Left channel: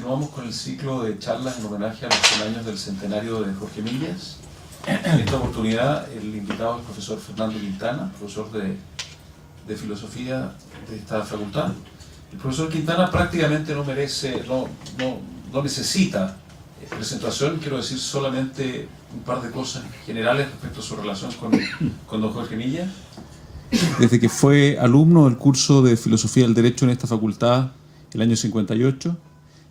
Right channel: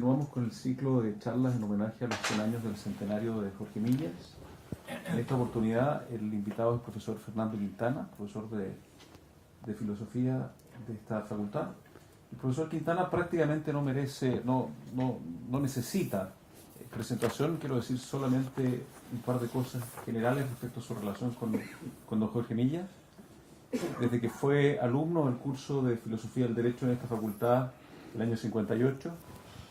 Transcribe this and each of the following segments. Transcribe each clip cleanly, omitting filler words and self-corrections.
continuamos con el ciclo de charlas en homenaje a los 100 años del centenario de Jorge Millas. En esta oportunidad el invitado es el profesor Fernando Quintana, profesor de filosofía de esta facultad. El profesor Quintana prácticamente no necesita presentación, quiero decir solamente un par de cosas generales respecto a su relación con don Jorge Millas. Desde que fue alumno del curso de Filosofía del Derecho en esta facultad el año 58,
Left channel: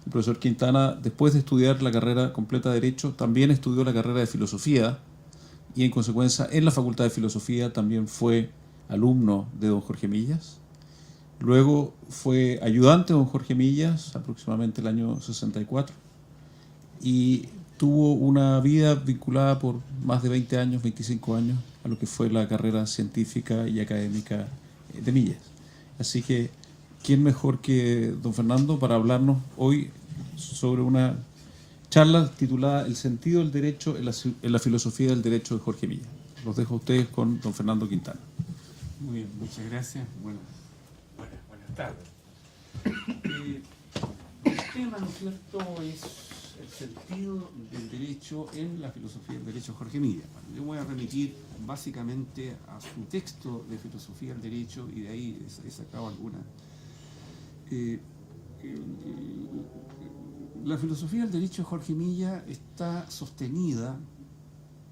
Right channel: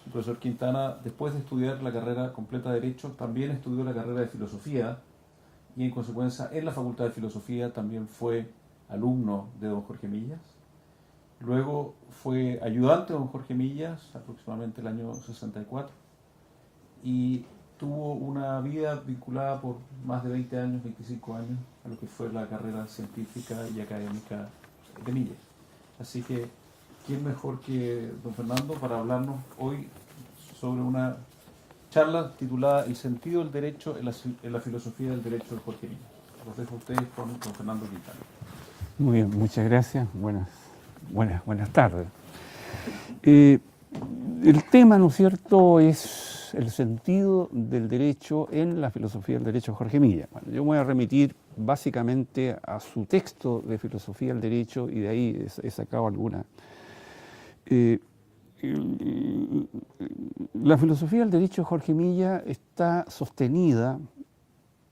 el profesor Quintana, después de estudiar la carrera completa de Derecho, también estudió la carrera de Filosofía y en consecuencia en la Facultad de Filosofía también fue alumno de don Jorge Millas. Luego fue ayudante de don Jorge Millas aproximadamente el año 64 y tuvo una vida vinculada por más de 20 años, 25 años, a lo que fue la carrera científica y académica de Millas. Así que, ¿quién mejor que don Fernando para hablarnos hoy sobre una charla titulada El sentido del derecho en la filosofía del derecho de Jorge Millas? Los dejo a ustedes con don Fernando Quintana. Muy bien, muchas gracias. Buenas tardes. El tema, ¿no es cierto?, es el sentido del derecho en la filosofía del derecho de Jorge Millas. Bueno, yo me voy a remitir básicamente a su texto de filosofía del derecho y de ahí he sacado alguna. La filosofía del derecho de Jorge Millas está sostenida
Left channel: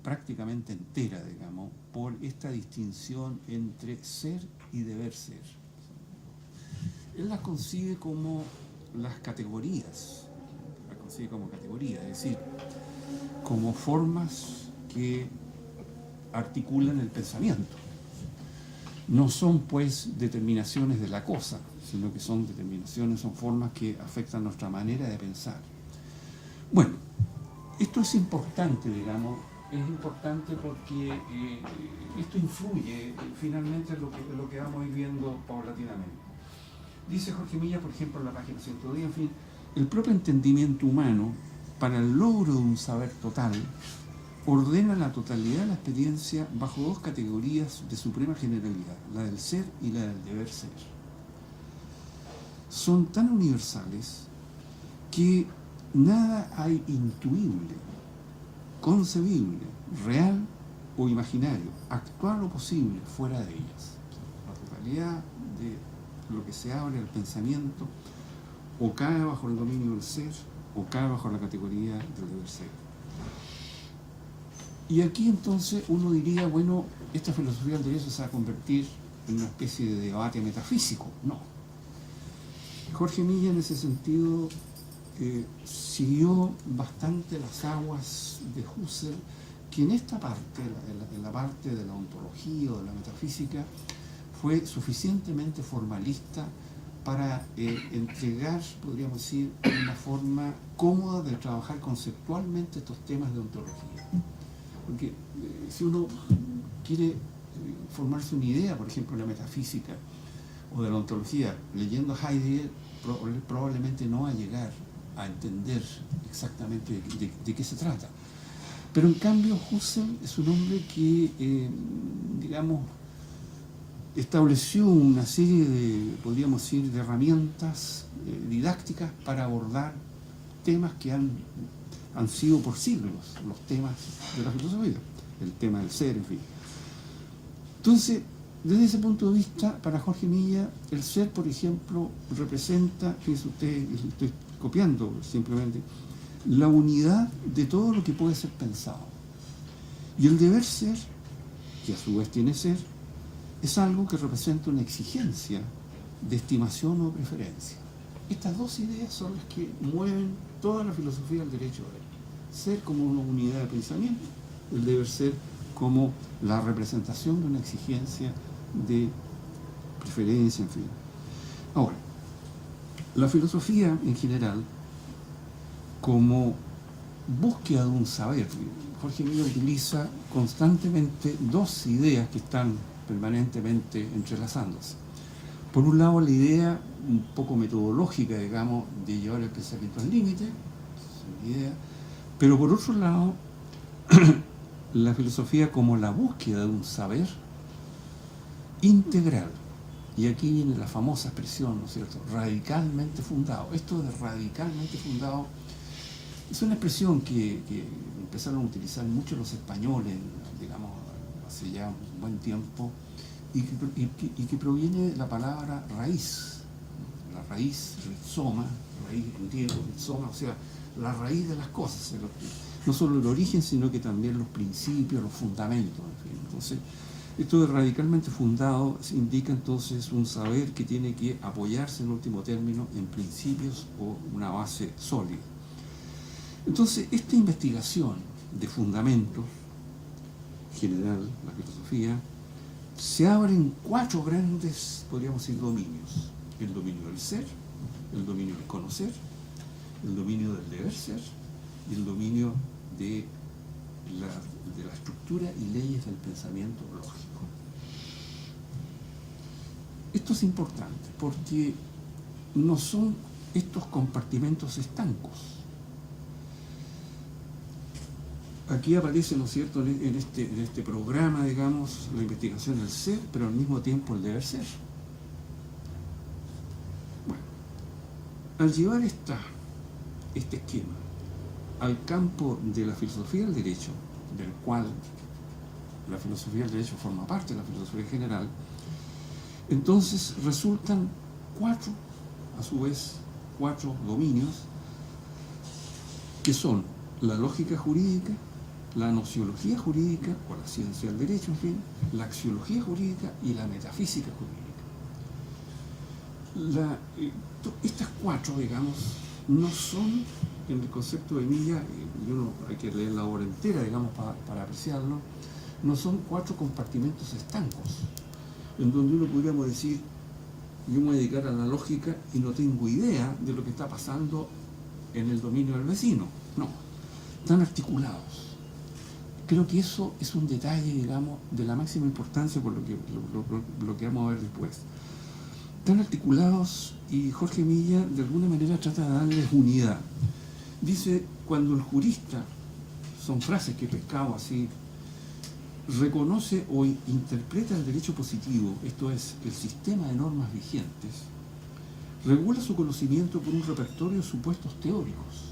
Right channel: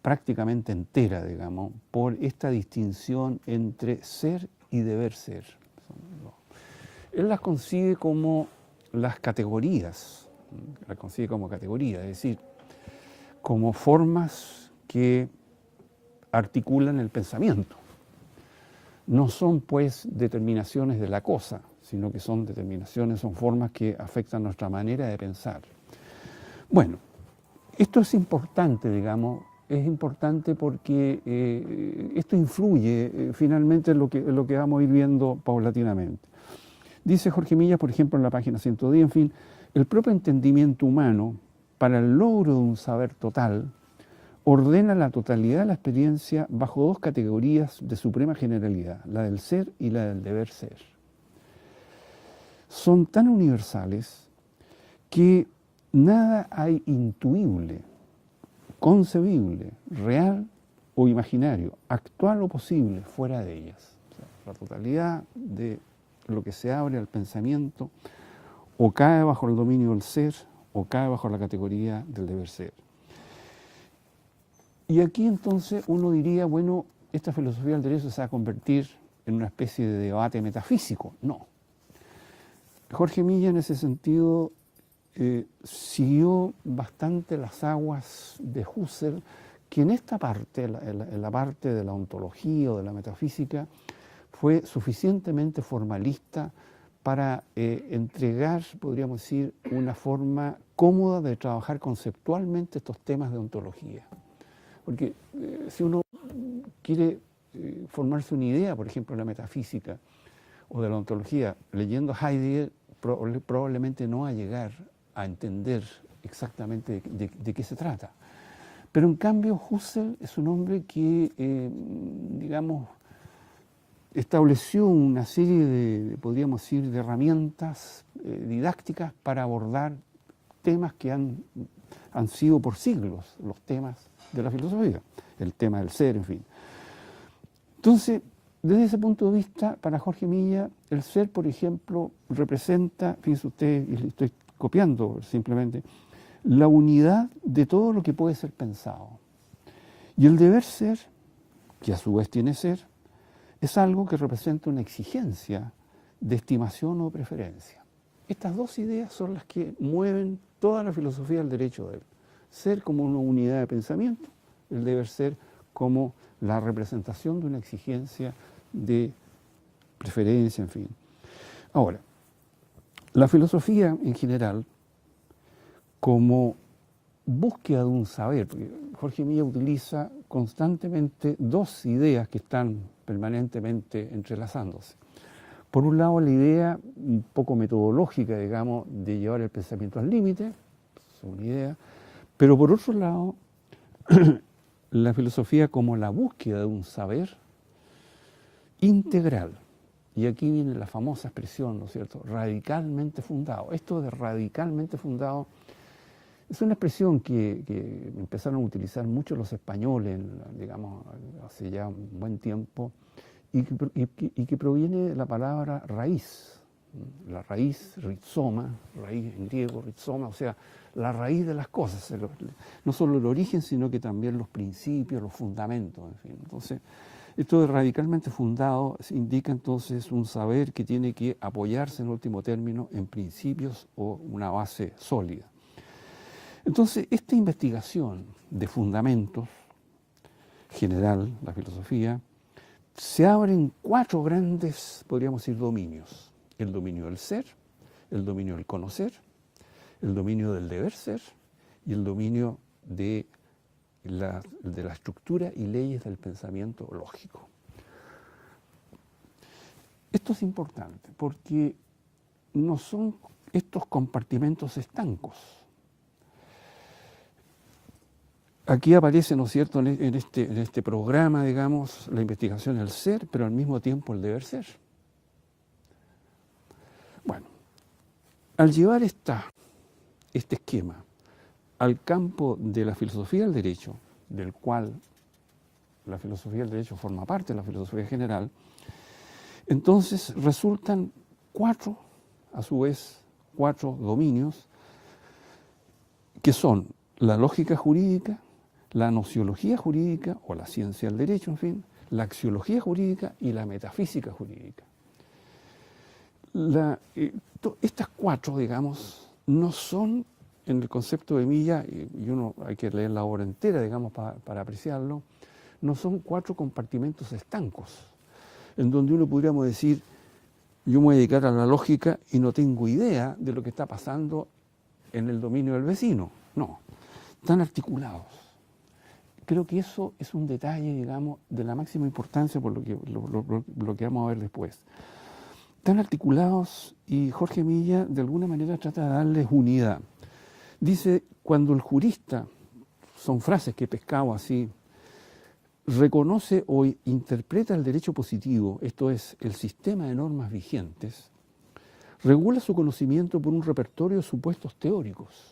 prácticamente entera, digamos, por esta distinción entre ser y deber ser. Él las concibe como las categorías, es decir, como formas que articulan el pensamiento. No son, pues, determinaciones de la cosa, sino que son formas que afectan nuestra manera de pensar. Bueno, esto es importante, digamos, porque esto influye finalmente en lo que vamos a ir viendo paulatinamente. Dice Jorge Millas, por ejemplo, en la página 110, en fin, el propio entendimiento humano, para el logro de un saber total, ordena la totalidad de la experiencia bajo dos categorías de suprema generalidad, la del ser y la del deber ser. Son tan universales que nada hay intuible, concebible, real o imaginario, actual o posible fuera de ellas. O sea, la totalidad de lo que se abre al pensamiento o cae bajo el dominio del ser o cae bajo la categoría del deber ser. Y aquí entonces uno diría, bueno, esta filosofía del derecho se va a convertir en una especie de debate metafísico. No. Jorge Millas en ese sentido siguió bastante las aguas de Husserl, que en esta parte, en la parte de la ontología o de la metafísica, fue suficientemente formalista para entregar, podríamos decir, una forma cómoda de trabajar conceptualmente estos temas de ontología. Porque si uno quiere formarse una idea, por ejemplo, de la metafísica o de la ontología, leyendo Heidegger, probablemente no va a llegar a entender exactamente de qué se trata. Pero en cambio Husserl es un hombre que, digamos, estableció una serie de, podríamos decir, de herramientas didácticas para abordar temas que han sido por siglos los temas de la filosofía, el tema del ser, en fin. Entonces, desde ese punto de vista, para Jorge Millas, el ser, por ejemplo, representa, fíjense ustedes, estoy copiando simplemente, la unidad de todo lo que puede ser pensado. Y el deber ser, que a su vez tiene ser, es algo que representa una exigencia de estimación o preferencia. Estas dos ideas son las que mueven toda la filosofía del derecho de él. Ser como una unidad de pensamiento, el deber ser como la representación de una exigencia de preferencia, en fin. Ahora, la filosofía en general, como búsqueda de un saber, Jorge Millas utiliza constantemente dos ideas que están permanentemente entrelazándose. Por un lado, la idea un poco metodológica, digamos, de llevar el pensamiento al límite, esa es una idea, pero por otro lado, la filosofía como la búsqueda de un saber integral, Y aquí viene la famosa expresión, ¿no es cierto? Radicalmente fundado. Esto de radicalmente fundado es una expresión que empezaron a utilizar mucho los españoles, digamos, hace ya un buen tiempo, y que proviene de la palabra raíz. La raíz, rizoma, raíz en griego, rizoma, o sea, la raíz de las cosas. No solo el origen, sino que también los principios, los fundamentos, en fin. Entonces, esto de radicalmente fundado indica entonces un saber que tiene que apoyarse en último término en principios o una base sólida. Entonces, esta investigación de fundamentos general, la filosofía, se abre en 4 grandes, podríamos decir, dominios. El dominio del ser, el dominio del conocer, el dominio del deber ser y el dominio de la estructura y leyes del pensamiento lógico. Esto es importante porque no son estos compartimentos estancos. Aquí aparece, ¿no es cierto?, en este programa, digamos, la investigación del ser, pero al mismo tiempo el deber ser. Bueno, al llevar este esquema al campo de la filosofía del derecho, del cual la filosofía del derecho forma parte de la filosofía general, entonces resultan 4, a su vez, 4 dominios, que son la lógica jurídica, la nociología jurídica, o la ciencia del derecho, en fin, la axiología jurídica y la metafísica jurídica. Estas 4, digamos, no son, en el concepto de Milla, y uno hay que leer la obra entera, digamos, para apreciarlo, no son 4 compartimentos estancos, en donde uno podríamos decir, yo me voy a dedicar a la lógica y no tengo idea de lo que está pasando en el dominio del vecino. No, están articulados. Creo que eso es un detalle, digamos, de la máxima importancia por lo que vamos a ver después. Están articulados y Jorge Milla de alguna manera trata de darles unidad. Dice, cuando el jurista, son frases que he pescado así, reconoce o interpreta el derecho positivo, esto es, el sistema de normas vigentes, regula su conocimiento por un repertorio de supuestos teóricos,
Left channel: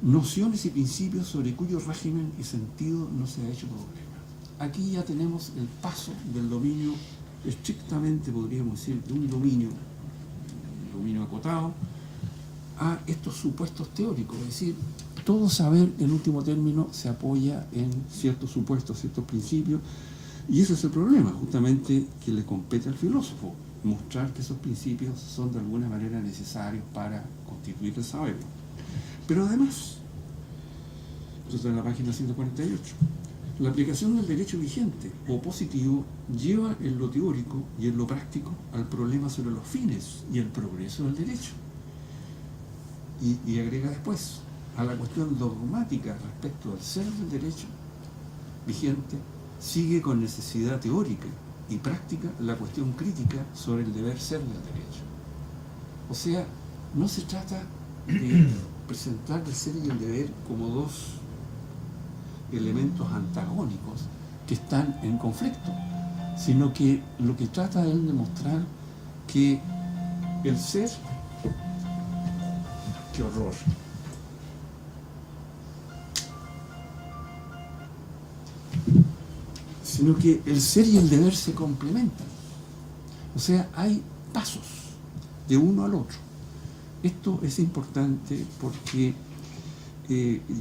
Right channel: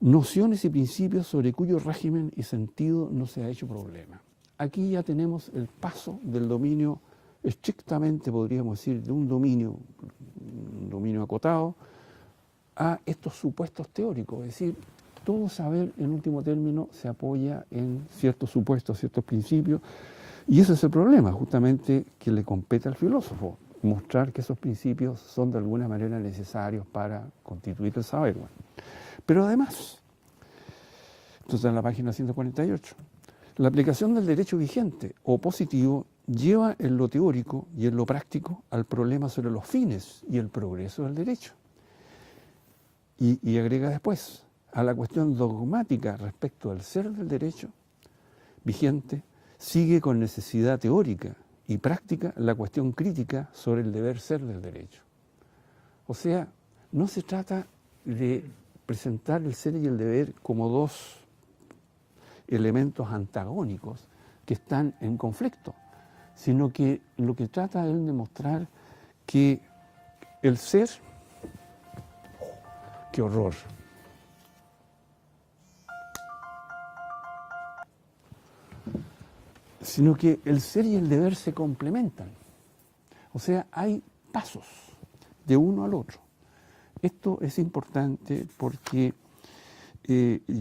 nociones y principios sobre cuyo régimen y sentido no se ha hecho problema. Aquí ya tenemos el paso del dominio estrictamente, podríamos decir, de un dominio acotado, a estos supuestos teóricos, es decir, todo saber, en último término, se apoya en ciertos supuestos, ciertos principios, y ese es el problema, justamente, que le compete al filósofo, mostrar que esos principios son de alguna manera necesarios para constituir el saber. Pero además, esto está en la página 148, la aplicación del derecho vigente o positivo lleva en lo teórico y en lo práctico al problema sobre los fines y el progreso del derecho. Y agrega después, a la cuestión dogmática respecto al ser del derecho vigente, sigue con necesidad teórica y práctica la cuestión crítica sobre el deber ser del derecho. O sea, no se trata de presentar el ser y el deber como 2 elementos antagónicos que están en conflicto, sino que lo que trata es de mostrar que el ser, ¡qué horror!, sino que el ser y el deber se complementan. O sea, hay pasos de uno al otro. Esto es importante porque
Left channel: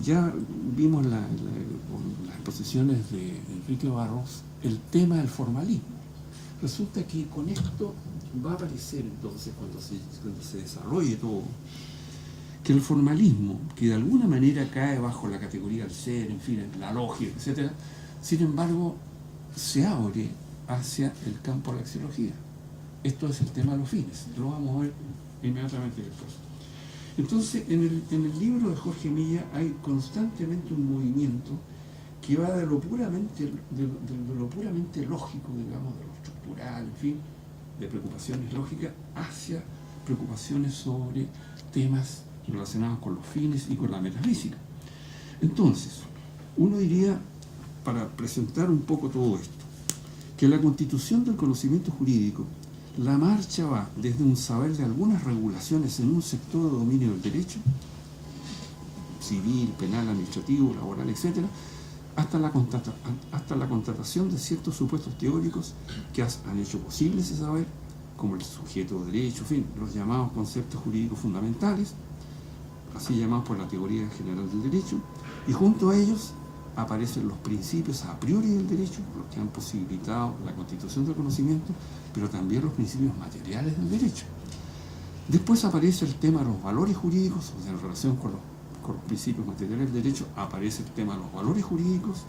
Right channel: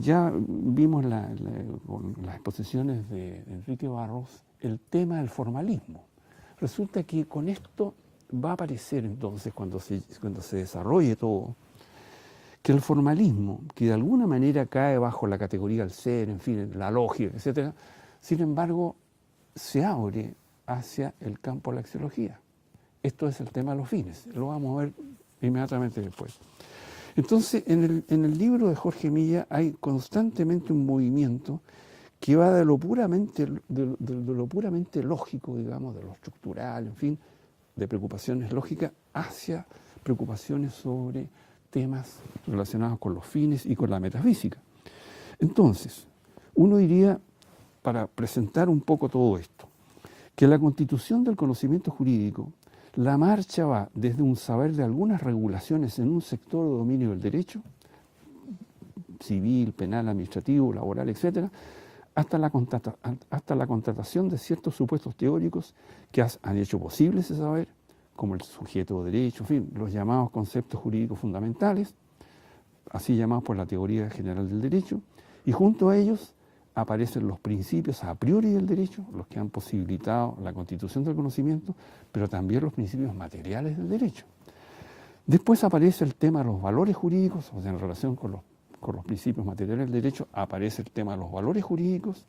ya vimos las exposiciones de Enrique Barros el tema del formalismo. Resulta que con esto va a aparecer entonces, cuando se desarrolle todo, que el formalismo, que de alguna manera cae bajo la categoría del ser, en fin, la lógica, etc., sin embargo, se abre hacia el campo de la axiología. Esto es el tema de los fines, lo vamos a ver inmediatamente después. Entonces, en el libro de Jorge Milla hay constantemente un movimiento que va de lo puramente lógico, digamos, de lo estructural, en fin, de preocupaciones lógicas, hacia preocupaciones sobre temas relacionados con los fines y con la metafísica. Entonces, uno diría, para presentar un poco todo esto, que la constitución del conocimiento jurídico, la marcha va desde un saber de algunas regulaciones en un sector de dominio del derecho, civil, penal, administrativo, laboral, etc., hasta la constatación de ciertos supuestos teóricos que han hecho posible ese saber, como el sujeto de derecho, en fin, los llamados conceptos jurídicos fundamentales, así llamados por la teoría general del derecho, y junto a ellos aparecen los principios a priori del derecho, los que han posibilitado la constitución del conocimiento, pero también los principios materiales del derecho. Después aparece el tema de los valores jurídicos, o sea, en relación con los principios materiales del derecho, aparece el tema de los valores jurídicos,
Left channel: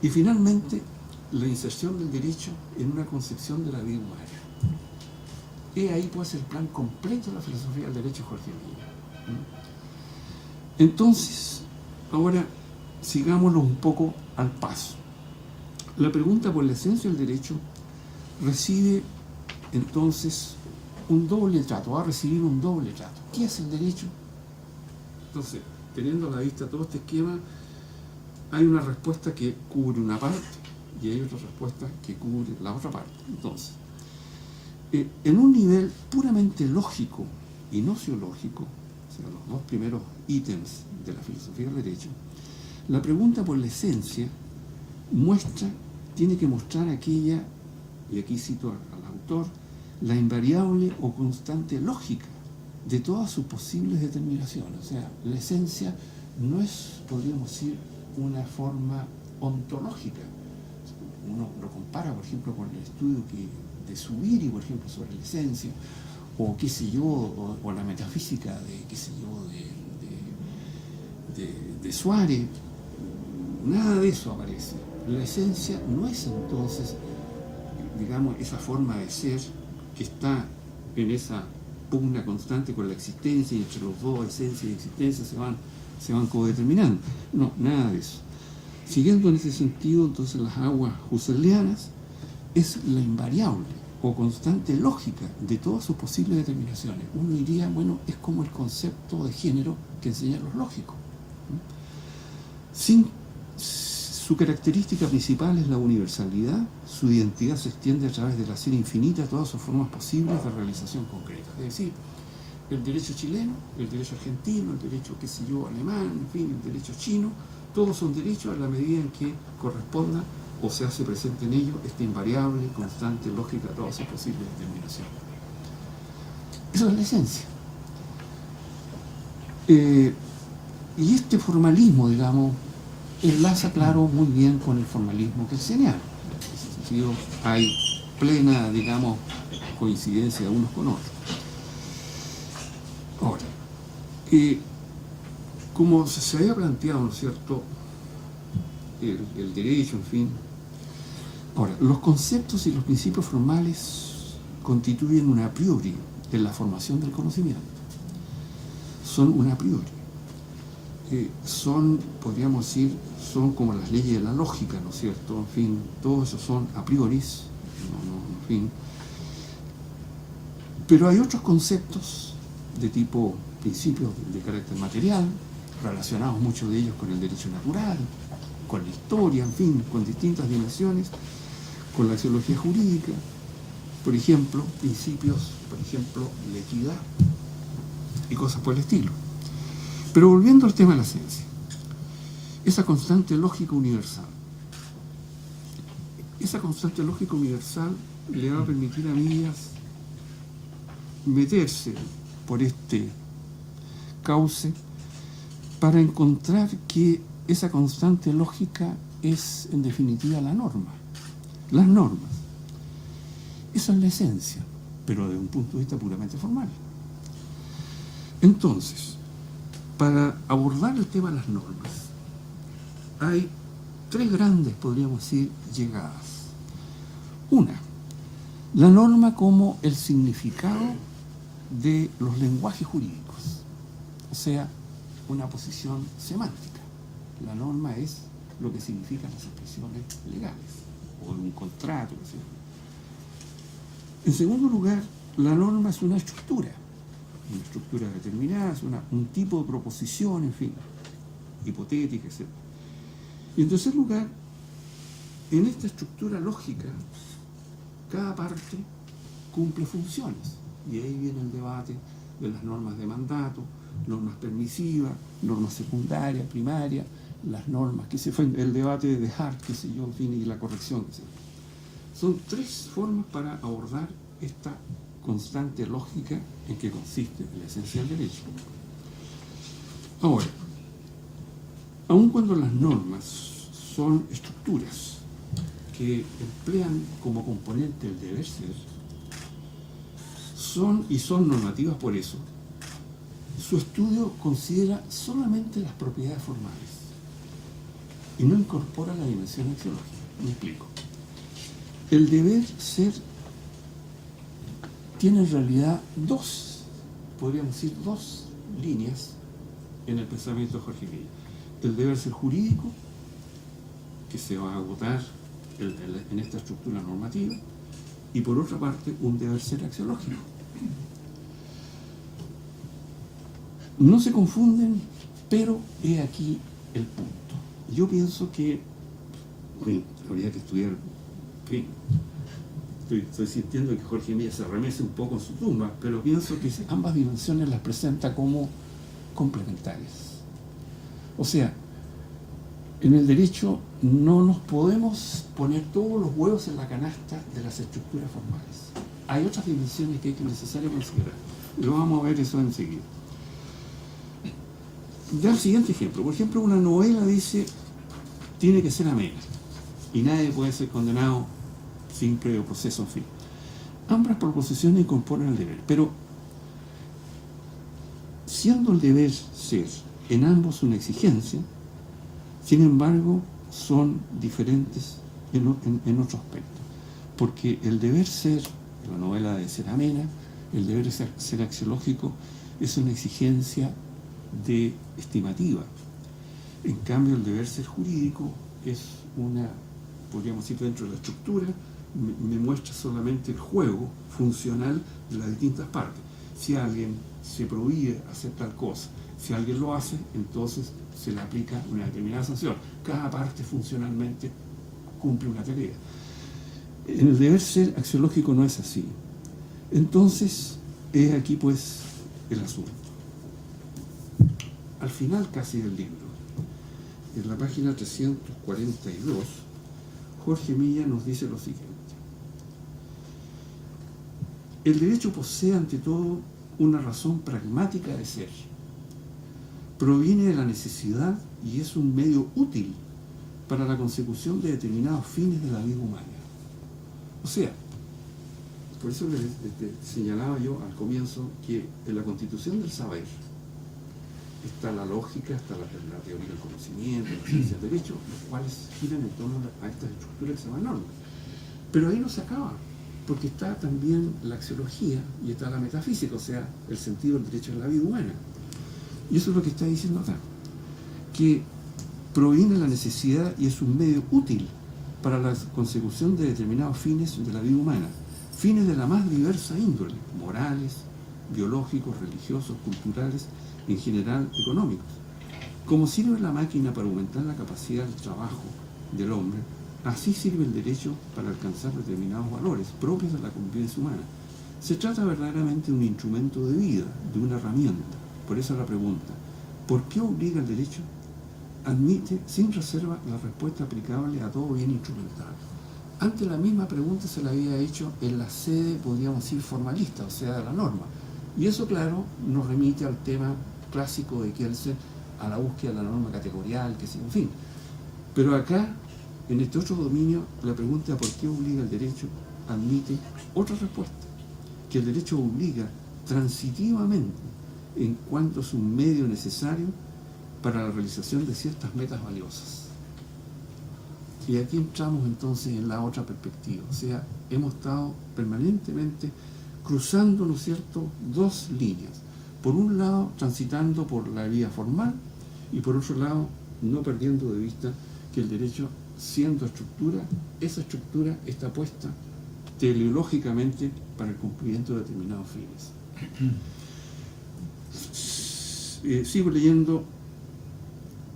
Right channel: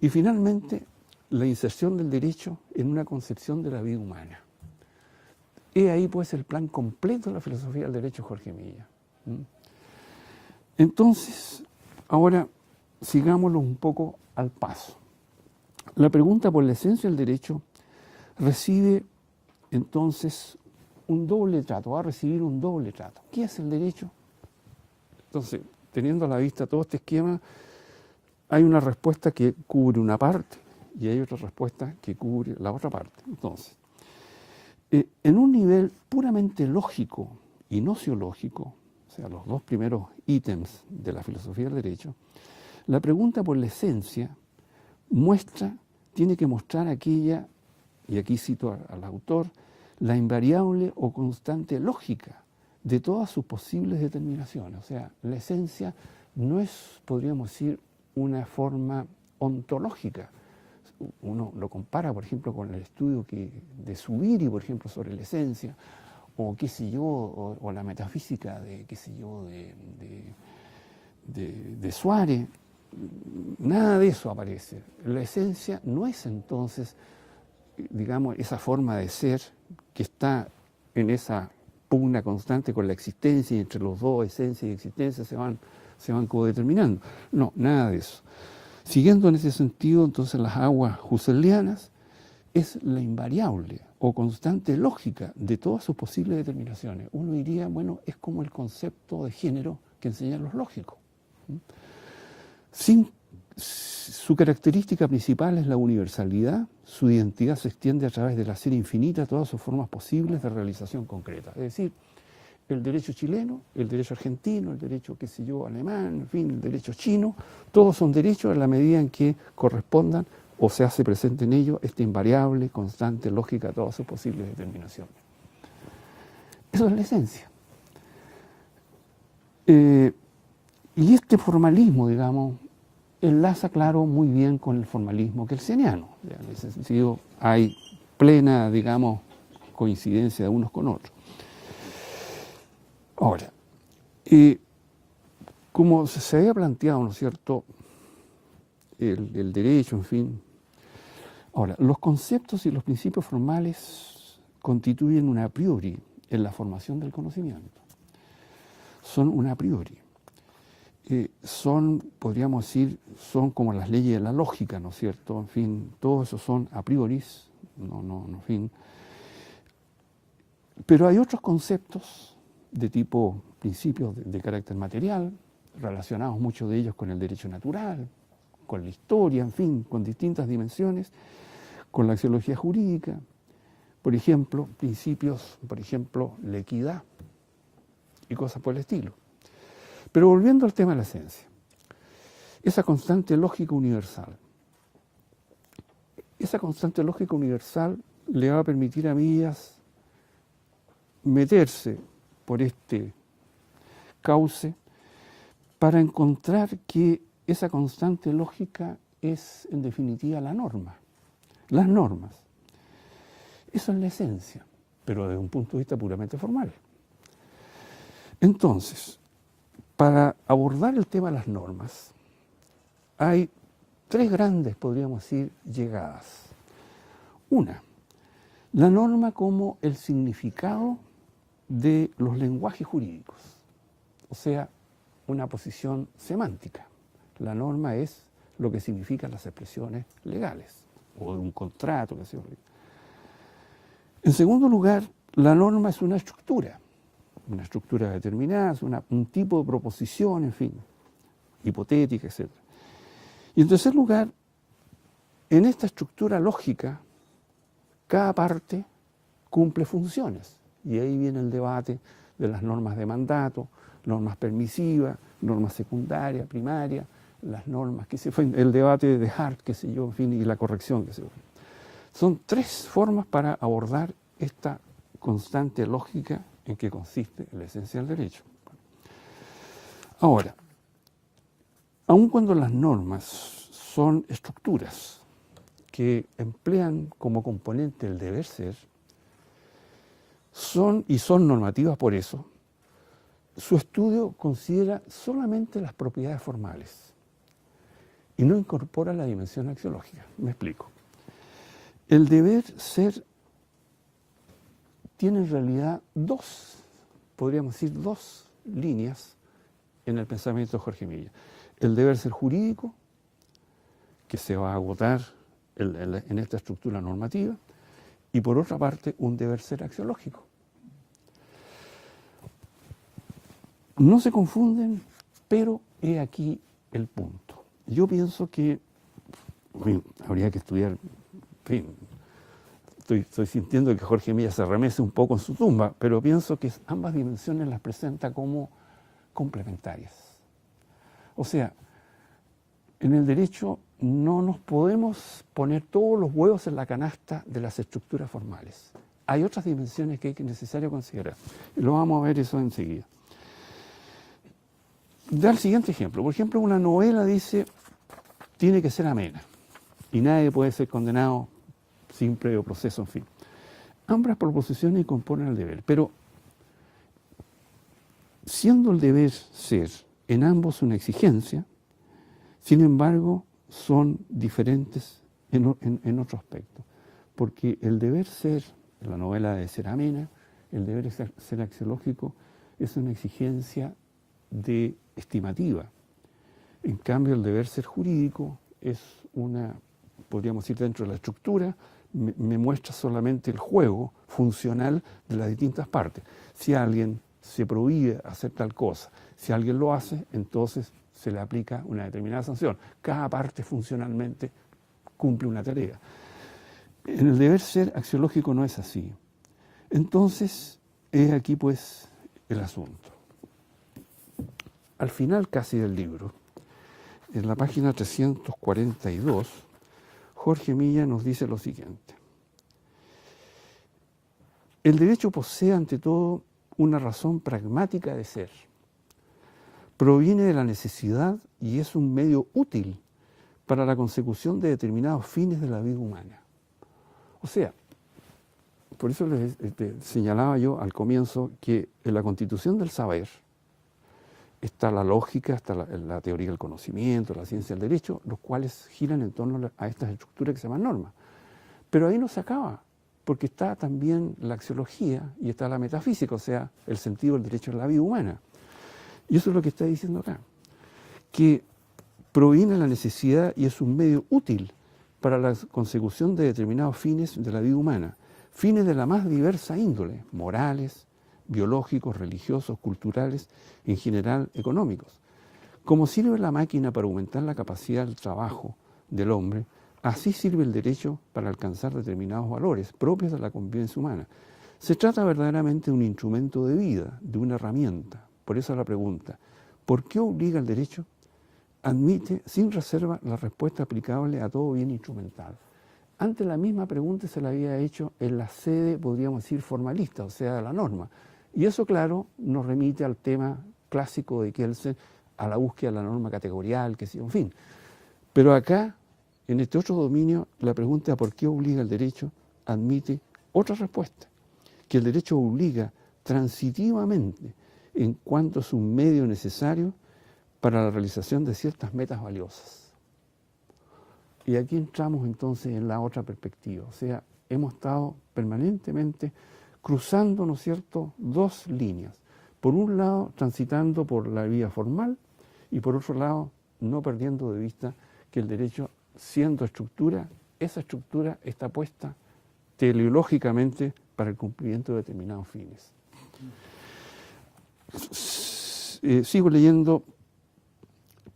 y finalmente la inserción del derecho en una concepción de la vida humana. Y ahí pues el plan completo de la filosofía del derecho de Jorge Milla. Entonces, ahora sigámoslo un poco al paso. La pregunta por la esencia del derecho recibe entonces un doble trato, va a recibir un doble trato. ¿Qué es el derecho? Entonces, teniendo a la vista todo este esquema, hay una respuesta que cubre una parte y hay otra respuesta que cubre la otra parte. Entonces, en un nivel puramente lógico y nociológico, o sea, los dos primeros ítems de la filosofía del derecho, la pregunta por la esencia tiene que mostrar aquella, y aquí cito al autor, la invariable o constante lógica de todas sus posibles determinaciones. O sea, la esencia no es, podríamos decir, una forma ontológica. Uno lo compara, por ejemplo, con el estudio de Zubiri, por ejemplo, sobre la esencia, o qué sé yo, o la metafísica de Suárez. Nada de eso aparece. La esencia no es entonces, digamos, esa forma de ser que está en esa pugna constante con la existencia, y entre los dos, esencia y existencia, se van codeterminando. No, nada de eso. Siguiendo en ese sentido, entonces, las aguas husserlianas es la invariable o constante lógica de todas sus posibles determinaciones. Uno diría, bueno, es como el concepto de género que enseñan los lógicos. Su característica principal es la universalidad, su identidad se extiende a través de la serie infinita de todas sus formas posibles de realización concreta. Es decir, el derecho chileno, el derecho argentino, el derecho, qué sé yo, alemán, en fin, el derecho chino, todos son derechos en la medida en que corresponda o se hace presente en ello esta invariable, constante, lógica de todas sus posibles determinaciones. Eso es la esencia. Y este formalismo, digamos, enlaza, claro, muy bien con el formalismo kelseniano. En ese sentido, hay plena, digamos, coincidencia de unos con otros. Ahora, como se había planteado, ¿no es cierto?, el derecho, en fin. Ahora, los conceptos y los principios formales constituyen un a priori en la formación del conocimiento. Son un a priori. Podríamos decir, son como las leyes de la lógica, ¿no es cierto? En fin, todos esos son a priori, en fin. Pero hay otros conceptos de tipo principios de carácter material, relacionados muchos de ellos con el derecho natural, con la historia, en fin, con distintas dimensiones, con la axiología jurídica, por ejemplo, principios, por ejemplo, la equidad y cosas por el estilo. Pero volviendo al tema de la esencia, esa constante lógica universal le va a permitir a Millas meterse por este cauce para encontrar que esa constante lógica es, en definitiva, la norma. Las normas. Eso es la esencia, pero desde un punto de vista puramente formal. Entonces, para abordar el tema de las normas, hay tres grandes, podríamos decir, llegadas. Una, la norma como el significado de los lenguajes jurídicos, o sea, una posición semántica. La norma es lo que significan las expresiones legales, o de un contrato, qué sé yo. En segundo lugar, la norma es una estructura determinada, es un tipo de proposición, en fin, hipotética, etc. Y en tercer lugar, en esta estructura lógica cada parte cumple funciones. Y ahí viene el debate de las normas de mandato, normas permisivas, normas secundarias, primarias, las normas, que se fue el debate de Hart, qué sé yo, en fin, y la corrección, qué sé yo. Son tres formas para abordar esta constante lógica en que consiste la esencia del derecho. Ahora, aun cuando las normas son estructuras que emplean como componente el deber ser, son normativas por eso, su estudio considera solamente las propiedades formales y no incorpora la dimensión axiológica. Me explico. El deber ser tiene en realidad podríamos decir dos líneas en el pensamiento de Jorge Milla. El deber ser jurídico, que se va a agotar en esta estructura normativa, y por otra parte un deber ser axiológico. No se confunden, pero he aquí el punto. Yo pienso que habría que estudiar, en fin, estoy sintiendo que Jorge Milla se remece un poco en su tumba, pero pienso que ambas dimensiones las presenta como complementarias. O sea, en el derecho no nos podemos poner todos los huevos en la canasta de las estructuras formales. Hay otras dimensiones que es necesario considerar. Lo vamos a ver eso enseguida. Da el siguiente ejemplo. Por ejemplo, una novela dice, tiene que ser amena y nadie puede ser condenado sin previo proceso, en fin. Ambas proposiciones incorporan el deber, pero siendo el deber ser en ambos una exigencia, sin embargo, son diferentes en otro aspecto. Porque el deber ser, la novela de ser amena, el deber ser axiológico, es una exigencia estimativa. En cambio, el deber ser jurídico es una, podríamos decir, dentro de la estructura, me muestra solamente el juego funcional de las distintas partes. Si alguien se prohíbe hacer tal cosa, si alguien lo hace, entonces se le aplica una determinada sanción. Cada parte funcionalmente cumple una tarea. En el deber ser axiológico no es así. Entonces, es aquí pues el asunto. Al final casi del libro, en la página 342, Jorge Milla nos dice lo siguiente. El derecho posee ante todo una razón pragmática de ser. Proviene de la necesidad y es un medio útil para la consecución de determinados fines de la vida humana. O sea, por eso les señalaba yo al comienzo que en la constitución del saber está la lógica, está la teoría del conocimiento, la ciencia del derecho, los cuales giran en torno a estas estructuras que se llaman normas. Pero ahí no se acaba, porque está también la axiología y está la metafísica, o sea, el sentido del derecho a la vida humana. Y eso es lo que está diciendo acá, que proviene de la necesidad y es un medio útil para la consecución de determinados fines de la vida humana, fines de la más diversa índole, morales, biológicos, religiosos, culturales, en general económicos. Como sirve la máquina para aumentar la capacidad del trabajo del hombre, así sirve el derecho para alcanzar determinados valores propios de la convivencia humana. Se trata verdaderamente de un instrumento de vida, de una herramienta. Por eso la pregunta, ¿por qué obliga el derecho? Admite sin reserva la respuesta aplicable a todo bien instrumental. Antes la misma pregunta se la había hecho en la sede, podríamos decir, formalista, o sea, de la norma. Y eso, claro, nos remite al tema clásico de Kelsen, a la búsqueda de la norma categorial, que sí, en fin. Pero acá, en este otro dominio, la pregunta ¿por qué obliga el derecho? Admite otra respuesta, que el derecho obliga transitivamente en cuanto es un medio necesario para la realización de ciertas metas valiosas. Y aquí entramos entonces en la otra perspectiva, o sea, hemos estado permanentemente cruzando, ¿no es cierto?, dos líneas. Por un lado, transitando por la vía formal y por otro lado, no perdiendo de vista que el derecho, siendo estructura, esa estructura está puesta teleológicamente para el cumplimiento de determinados fines. Sigo leyendo,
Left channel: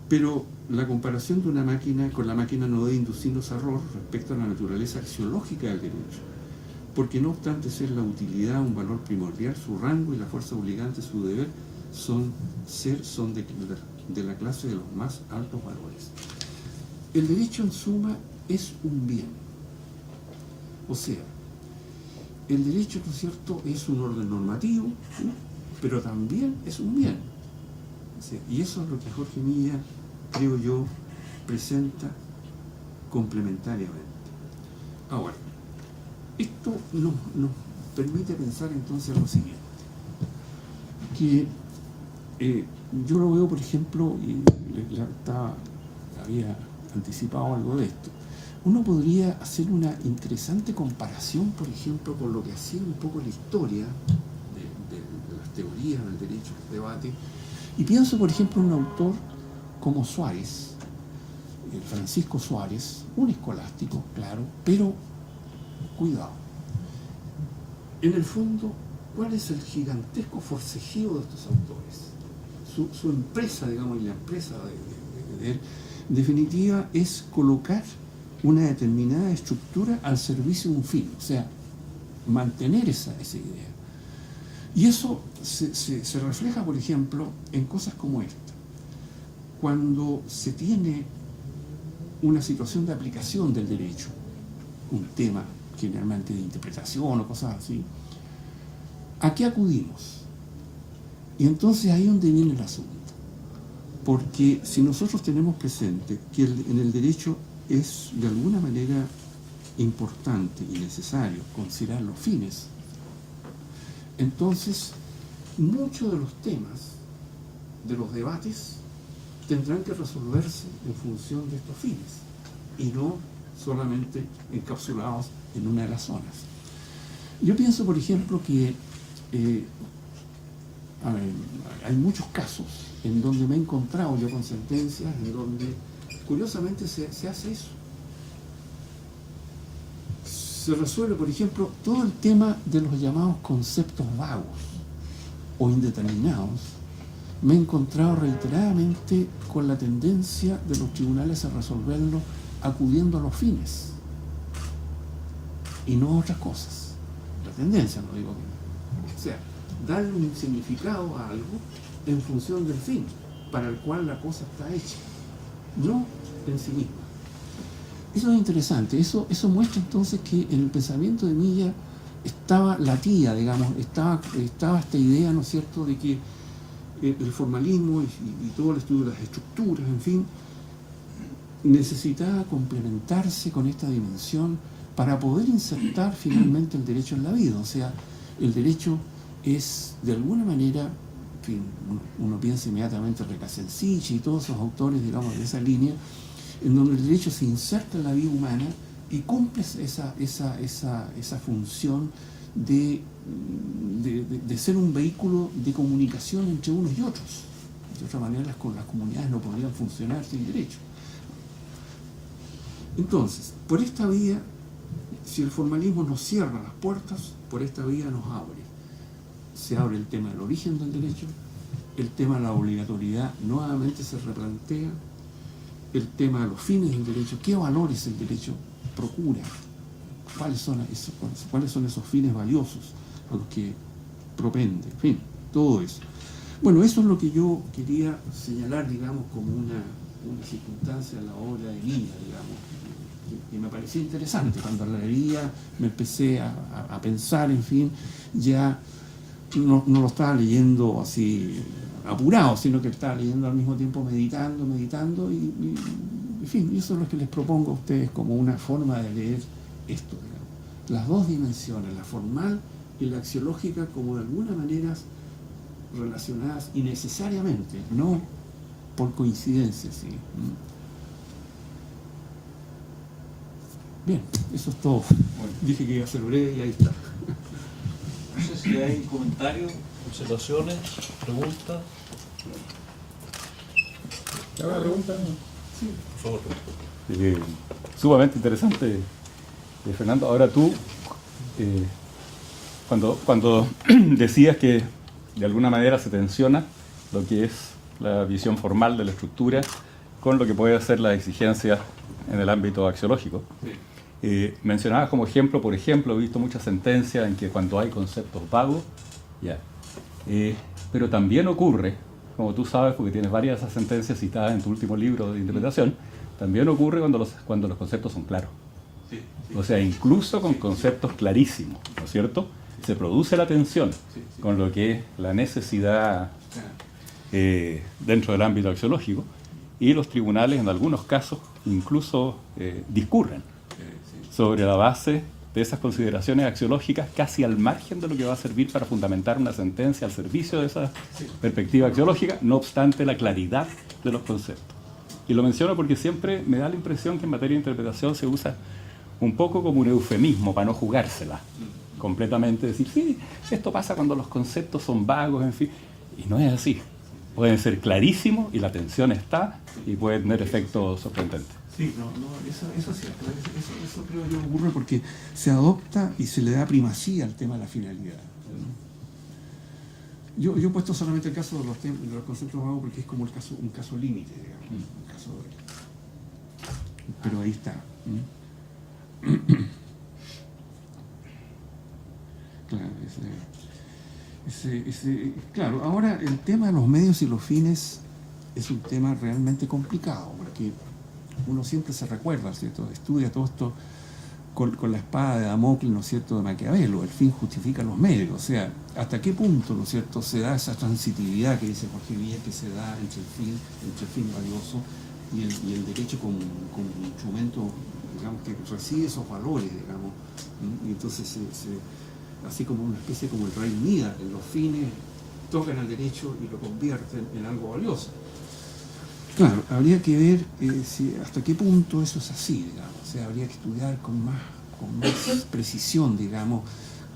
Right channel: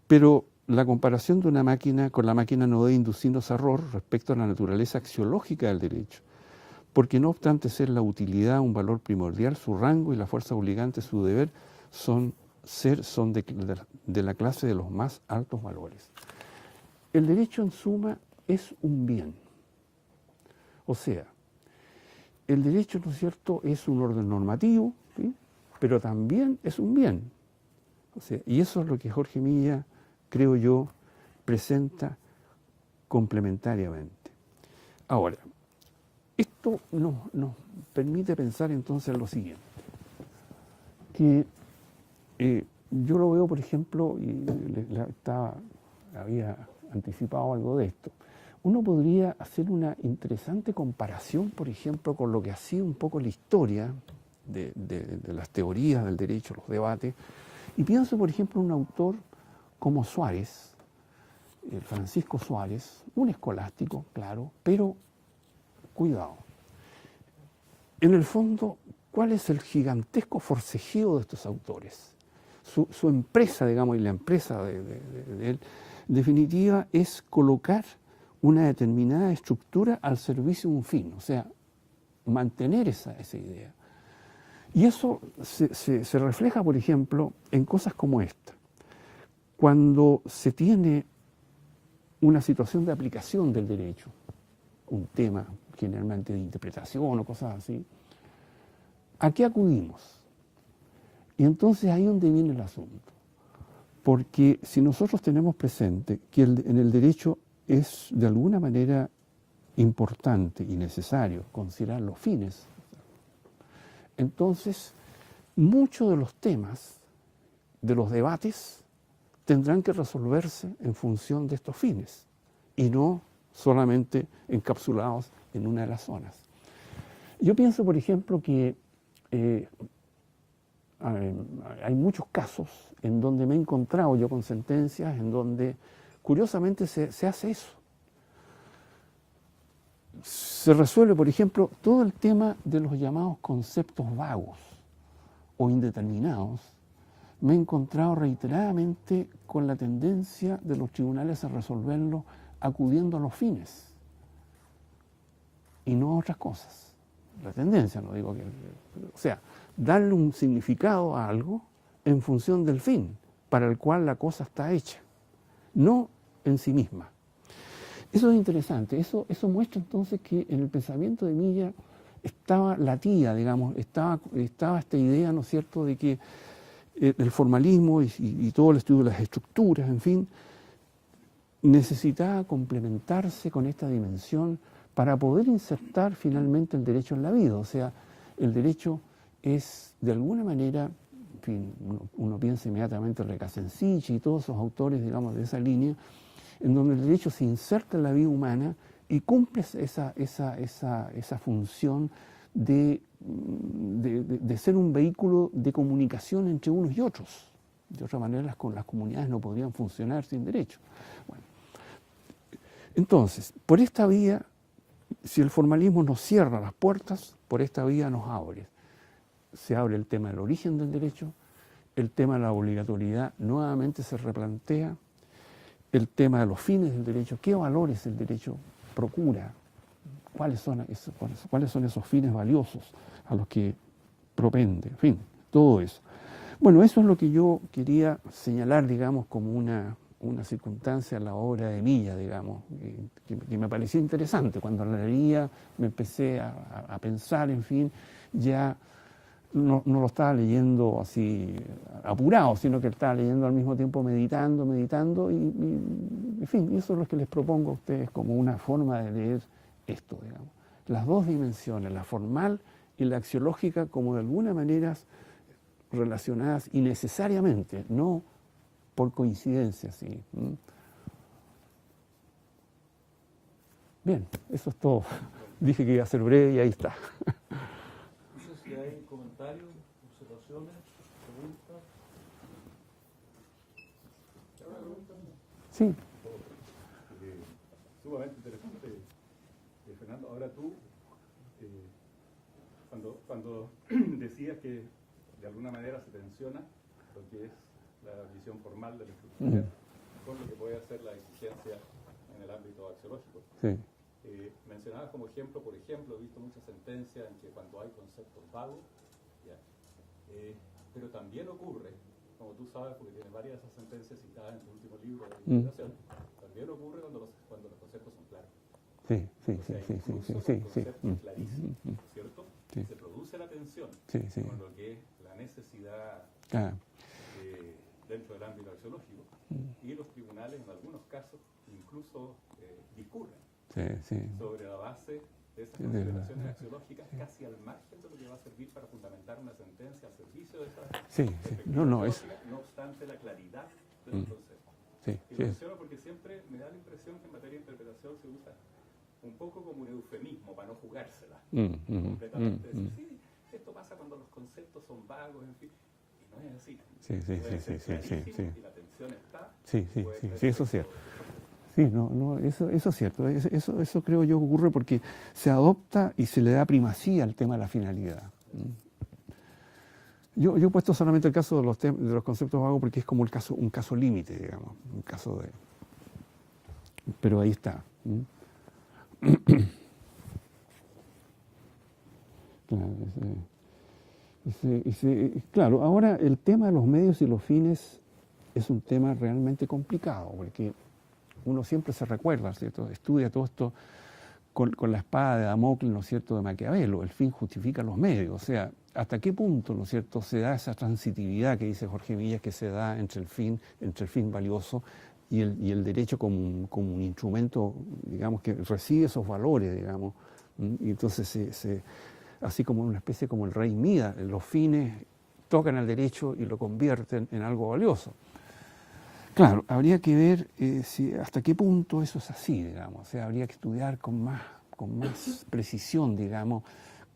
pero la comparación de una máquina con la máquina no debe inducirnos a error respecto a la naturaleza axiológica del derecho, porque no obstante ser la utilidad un valor primordial, su rango y la fuerza obligante, su deber, son de la clase de los más altos valores. El derecho, en suma, es un bien. O sea, el derecho, ¿no es cierto?, es un orden normativo, ¿sí?, pero también es un bien. O sea, y eso es lo que Jorge Milla, creo yo, presenta complementariamente. Ahora, esto nos permite pensar entonces en lo siguiente, que yo lo veo, por ejemplo, y había anticipado algo de esto, uno podría hacer una interesante comparación, por ejemplo, con lo que ha sido un poco la historia de las teorías del derecho, los debates, y pienso, por ejemplo, en un autor como Suárez, Francisco Suárez, un escolástico, claro, pero cuidado. En el fondo, ¿cuál es el gigantesco forcejeo de estos autores? Su empresa, digamos, y la empresa de él, en definitiva, es colocar una determinada estructura al servicio de un fin, o sea, mantener esa idea. Y eso se refleja, por ejemplo, en cosas como esta. Cuando se tiene una situación de aplicación del derecho, un tema generalmente de interpretación o cosas así, ¿a qué acudimos? Y entonces ahí es donde viene el asunto. Porque si nosotros tenemos presente que en el derecho es de alguna manera importante y necesario considerar los fines, entonces muchos de los temas de los debates tendrán que resolverse en función de estos fines y no solamente encapsulados en una de las zonas. Yo pienso, por ejemplo, que hay muchos casos en donde me he encontrado yo con sentencias en donde curiosamente se hace eso. Se resuelve, por ejemplo, todo el tema de los llamados conceptos vagos o indeterminados. Me he encontrado reiteradamente con la tendencia de los tribunales a resolverlo acudiendo a los fines y no a otras cosas. La tendencia, no digo que... O sea, darle un significado a algo en función del fin para el cual la cosa está hecha, no en sí misma. Eso es interesante, eso muestra entonces que en el pensamiento de Milla estaba latida, digamos, estaba esta idea, ¿no es cierto?, de que el formalismo y todo el estudio de las estructuras, en fin, necesitaba complementarse con esta dimensión para poder insertar finalmente el derecho en la vida. O sea, el derecho es, de alguna manera, en fin, uno piensa inmediatamente en Recasensich y todos esos autores, digamos, de esa línea, en donde el derecho se inserta en la vida humana y cumple esa función de ser un vehículo de comunicación entre unos y otros. De otra manera, las comunidades no podrían funcionar sin derecho. Entonces, por esta vía, si el formalismo nos cierra las puertas, por esta vía nos abre. Se abre el tema del origen del derecho, el tema de la obligatoriedad nuevamente se replantea, el tema de los fines del derecho, qué valores el derecho procura, cuáles son esos fines valiosos a los que propende, en fin, todo eso. Bueno, eso es lo que yo quería señalar, digamos, como una circunstancia en la obra de Milla, digamos, que me parecía interesante. Cuando la leía me empecé a pensar, en fin, ya no lo estaba leyendo así apurado, sino que estaba leyendo al mismo tiempo meditando, y en fin, eso es lo que les propongo a ustedes como una forma de leer esto, digamos. Las dos dimensiones, la formal y la axiológica, como de alguna manera relacionadas y necesariamente, no por coincidencia, ¿sí? Bien, eso es todo. Bueno, dije que iba a ser breve y ahí está. No sé si hay comentarios, observaciones, preguntas. ¿Alguna pregunta? Sí. Por favor. Sumamente interesante, Fernando. Ahora tú, cuando decías que de alguna manera se tensiona lo que es la visión formal de la estructura con lo que puede ser la exigencia en el ámbito axiológico. Sí. Mencionabas como ejemplo, por ejemplo, he visto muchas sentencias en que cuando hay conceptos vagos, ya. Pero también ocurre, como tú sabes, porque tienes varias de esas sentencias citadas en tu último libro de interpretación, también ocurre cuando los conceptos son claros. Sí, sí. O sea, incluso con Sí, conceptos clarísimos, ¿no es cierto? Se produce la tensión con lo que es la necesidad dentro del ámbito axiológico, y los tribunales en algunos casos incluso discurren sobre la base de esas consideraciones axiológicas, casi al margen de lo que va a servir para fundamentar una sentencia al servicio de esa perspectiva axiológica, no obstante la claridad de los conceptos. Y lo menciono porque siempre me da la impresión que en materia de interpretación se usa un poco como un eufemismo para no jugársela completamente, decir, sí, esto pasa cuando los conceptos son vagos, en fin, y no es así. Pueden ser clarísimos y la tensión está y puede tener efectos sorprendentes. Sí, eso es cierto. Eso creo yo ocurre porque se adopta y se le da primacía al tema de la finalidad. Yo he puesto solamente el caso de los conceptos vagos porque es como un caso límite, digamos, un caso de... Pero ahí está. Claro, ahora el tema de los medios y los fines es un tema realmente complicado, porque uno siempre se recuerda, ¿cierto? Estudia todo esto con la espada de Damocles, ¿no es cierto?, de Maquiavelo, el fin justifica los medios, o sea, hasta qué punto, ¿no es cierto?, se da esa transitividad que dice Jorge Villa, que se da entre el fin valioso y el derecho como un instrumento, digamos, que recibe esos valores, digamos, y entonces así como una especie como el rey Midas, los fines tocan al derecho y lo convierten en algo valioso. Claro, habría que ver hasta qué punto eso es así, digamos, o sea, habría que estudiar con más precisión, digamos,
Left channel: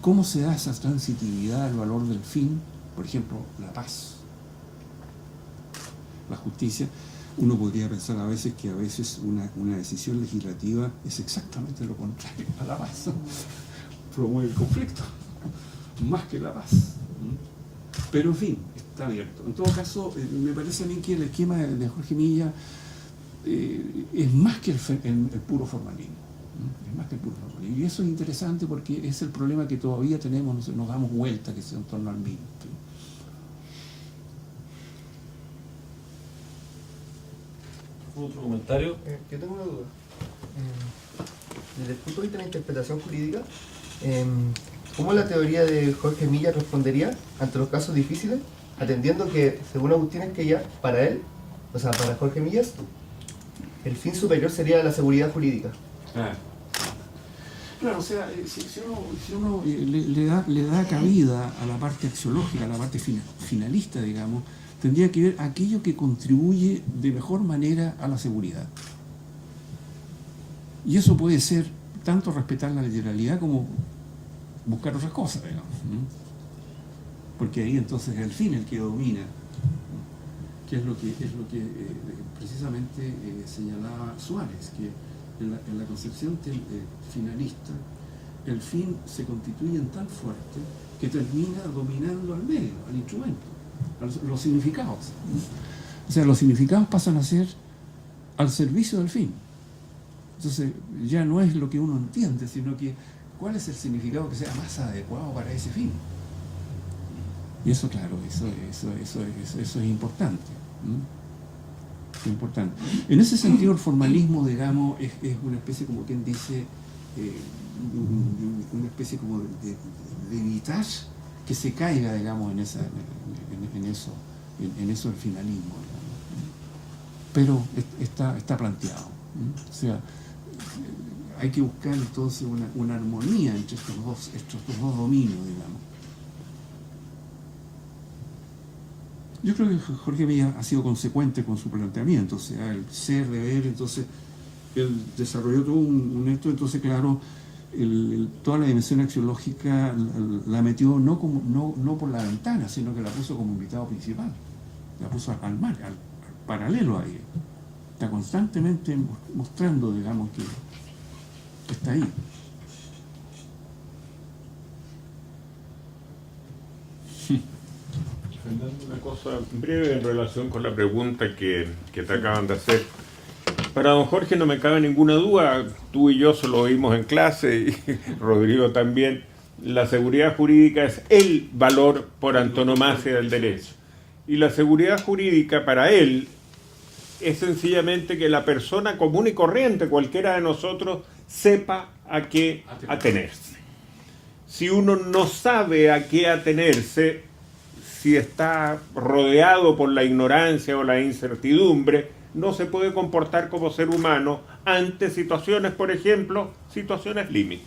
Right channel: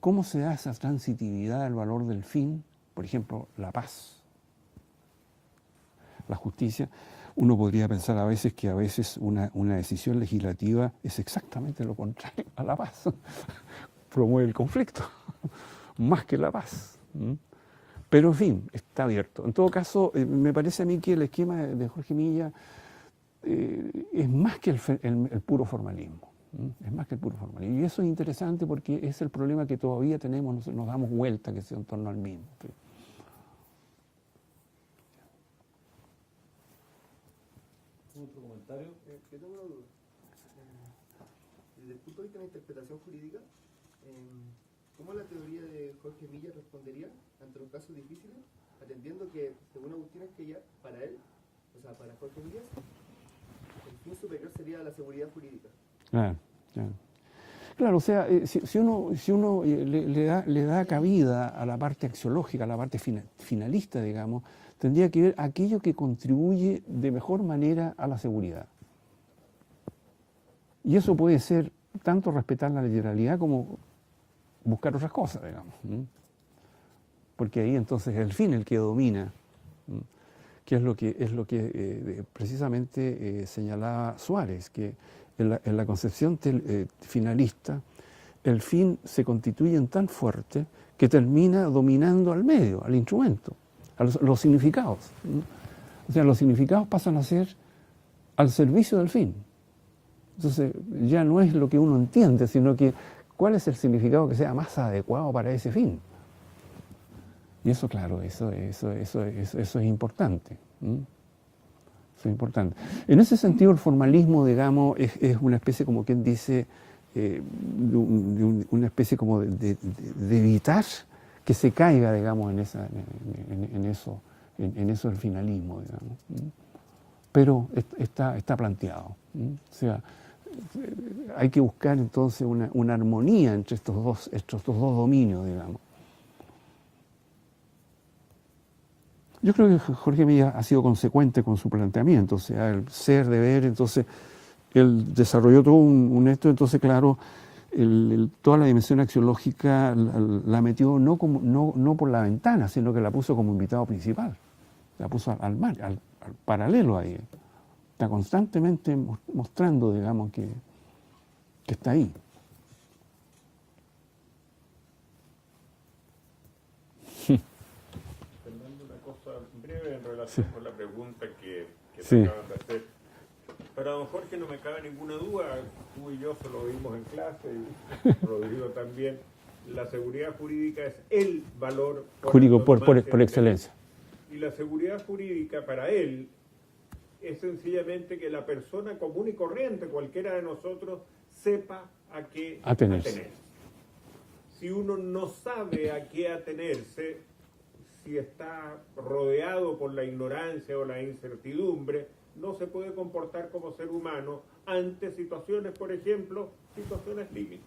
cómo se da esa transitividad del valor del fin, por ejemplo, la paz, la justicia. Uno podría pensar a veces que una decisión legislativa es exactamente lo contrario a la paz. Promueve el conflicto, más que la paz. Pero en fin, está abierto. En todo caso, me parece a mí que el esquema de Jorge Milla es más que el puro formalismo. Es más que el puro formalismo. Y eso es interesante porque es el problema que todavía tenemos, nos damos vuelta, que es en torno al mismo. ¿Otro comentario? Yo tengo una duda. Desde el punto de vista de la interpretación jurídica, ¿cómo la teoría de Jorge Milla respondería ante los casos difíciles, atendiendo que, según Agustín Esquella, para él, o sea, para Jorge Millas, el fin superior sería la seguridad jurídica? Claro, o sea, si uno le da cabida a la parte axiológica, a la parte finalista, digamos, tendría que ver aquello que contribuye de mejor manera a la seguridad. Y eso puede ser tanto respetar la literalidad como buscar otras cosas, digamos. Porque ahí entonces es el fin el que domina, que es lo que precisamente señalaba Suárez, que en la concepción finalista el fin se constituye en tan fuerte que termina dominando al medio, al instrumento, a los significados. O sea, los significados pasan a ser al servicio del fin. Entonces ya no es lo que uno entiende, sino que cuál es el significado que sea más adecuado para ese fin. Y eso, claro, eso es importante. Es importante. En ese sentido, el formalismo, digamos, es una especie, como quien dice, una especie como de evitar que se caiga, digamos, en eso del finalismo, digamos. Pero está planteado. O sea, hay que buscar entonces una armonía entre estos dos dominios, digamos. Yo creo que Jorge Milla ha sido consecuente con su planteamiento, o sea, el ser, deber, entonces él desarrolló todo un esto, entonces claro, toda la dimensión axiológica la metió no por la ventana, sino que la puso como invitado principal, la puso al paralelo ahí. Está constantemente mostrando, digamos, que está ahí. Una cosa breve en relación con la pregunta que te acaban de hacer. Para don Jorge no me cabe ninguna duda, tú y yo se lo oímos en clase y Rodrigo también, la seguridad jurídica es el valor por antonomasia del derecho. Y la seguridad jurídica para él es sencillamente que la persona común y corriente, cualquiera de nosotros, sepa a qué atenerse. Si uno no sabe a qué atenerse, si está rodeado por la ignorancia o la incertidumbre, no se puede comportar como ser humano ante situaciones, por ejemplo, situaciones límite.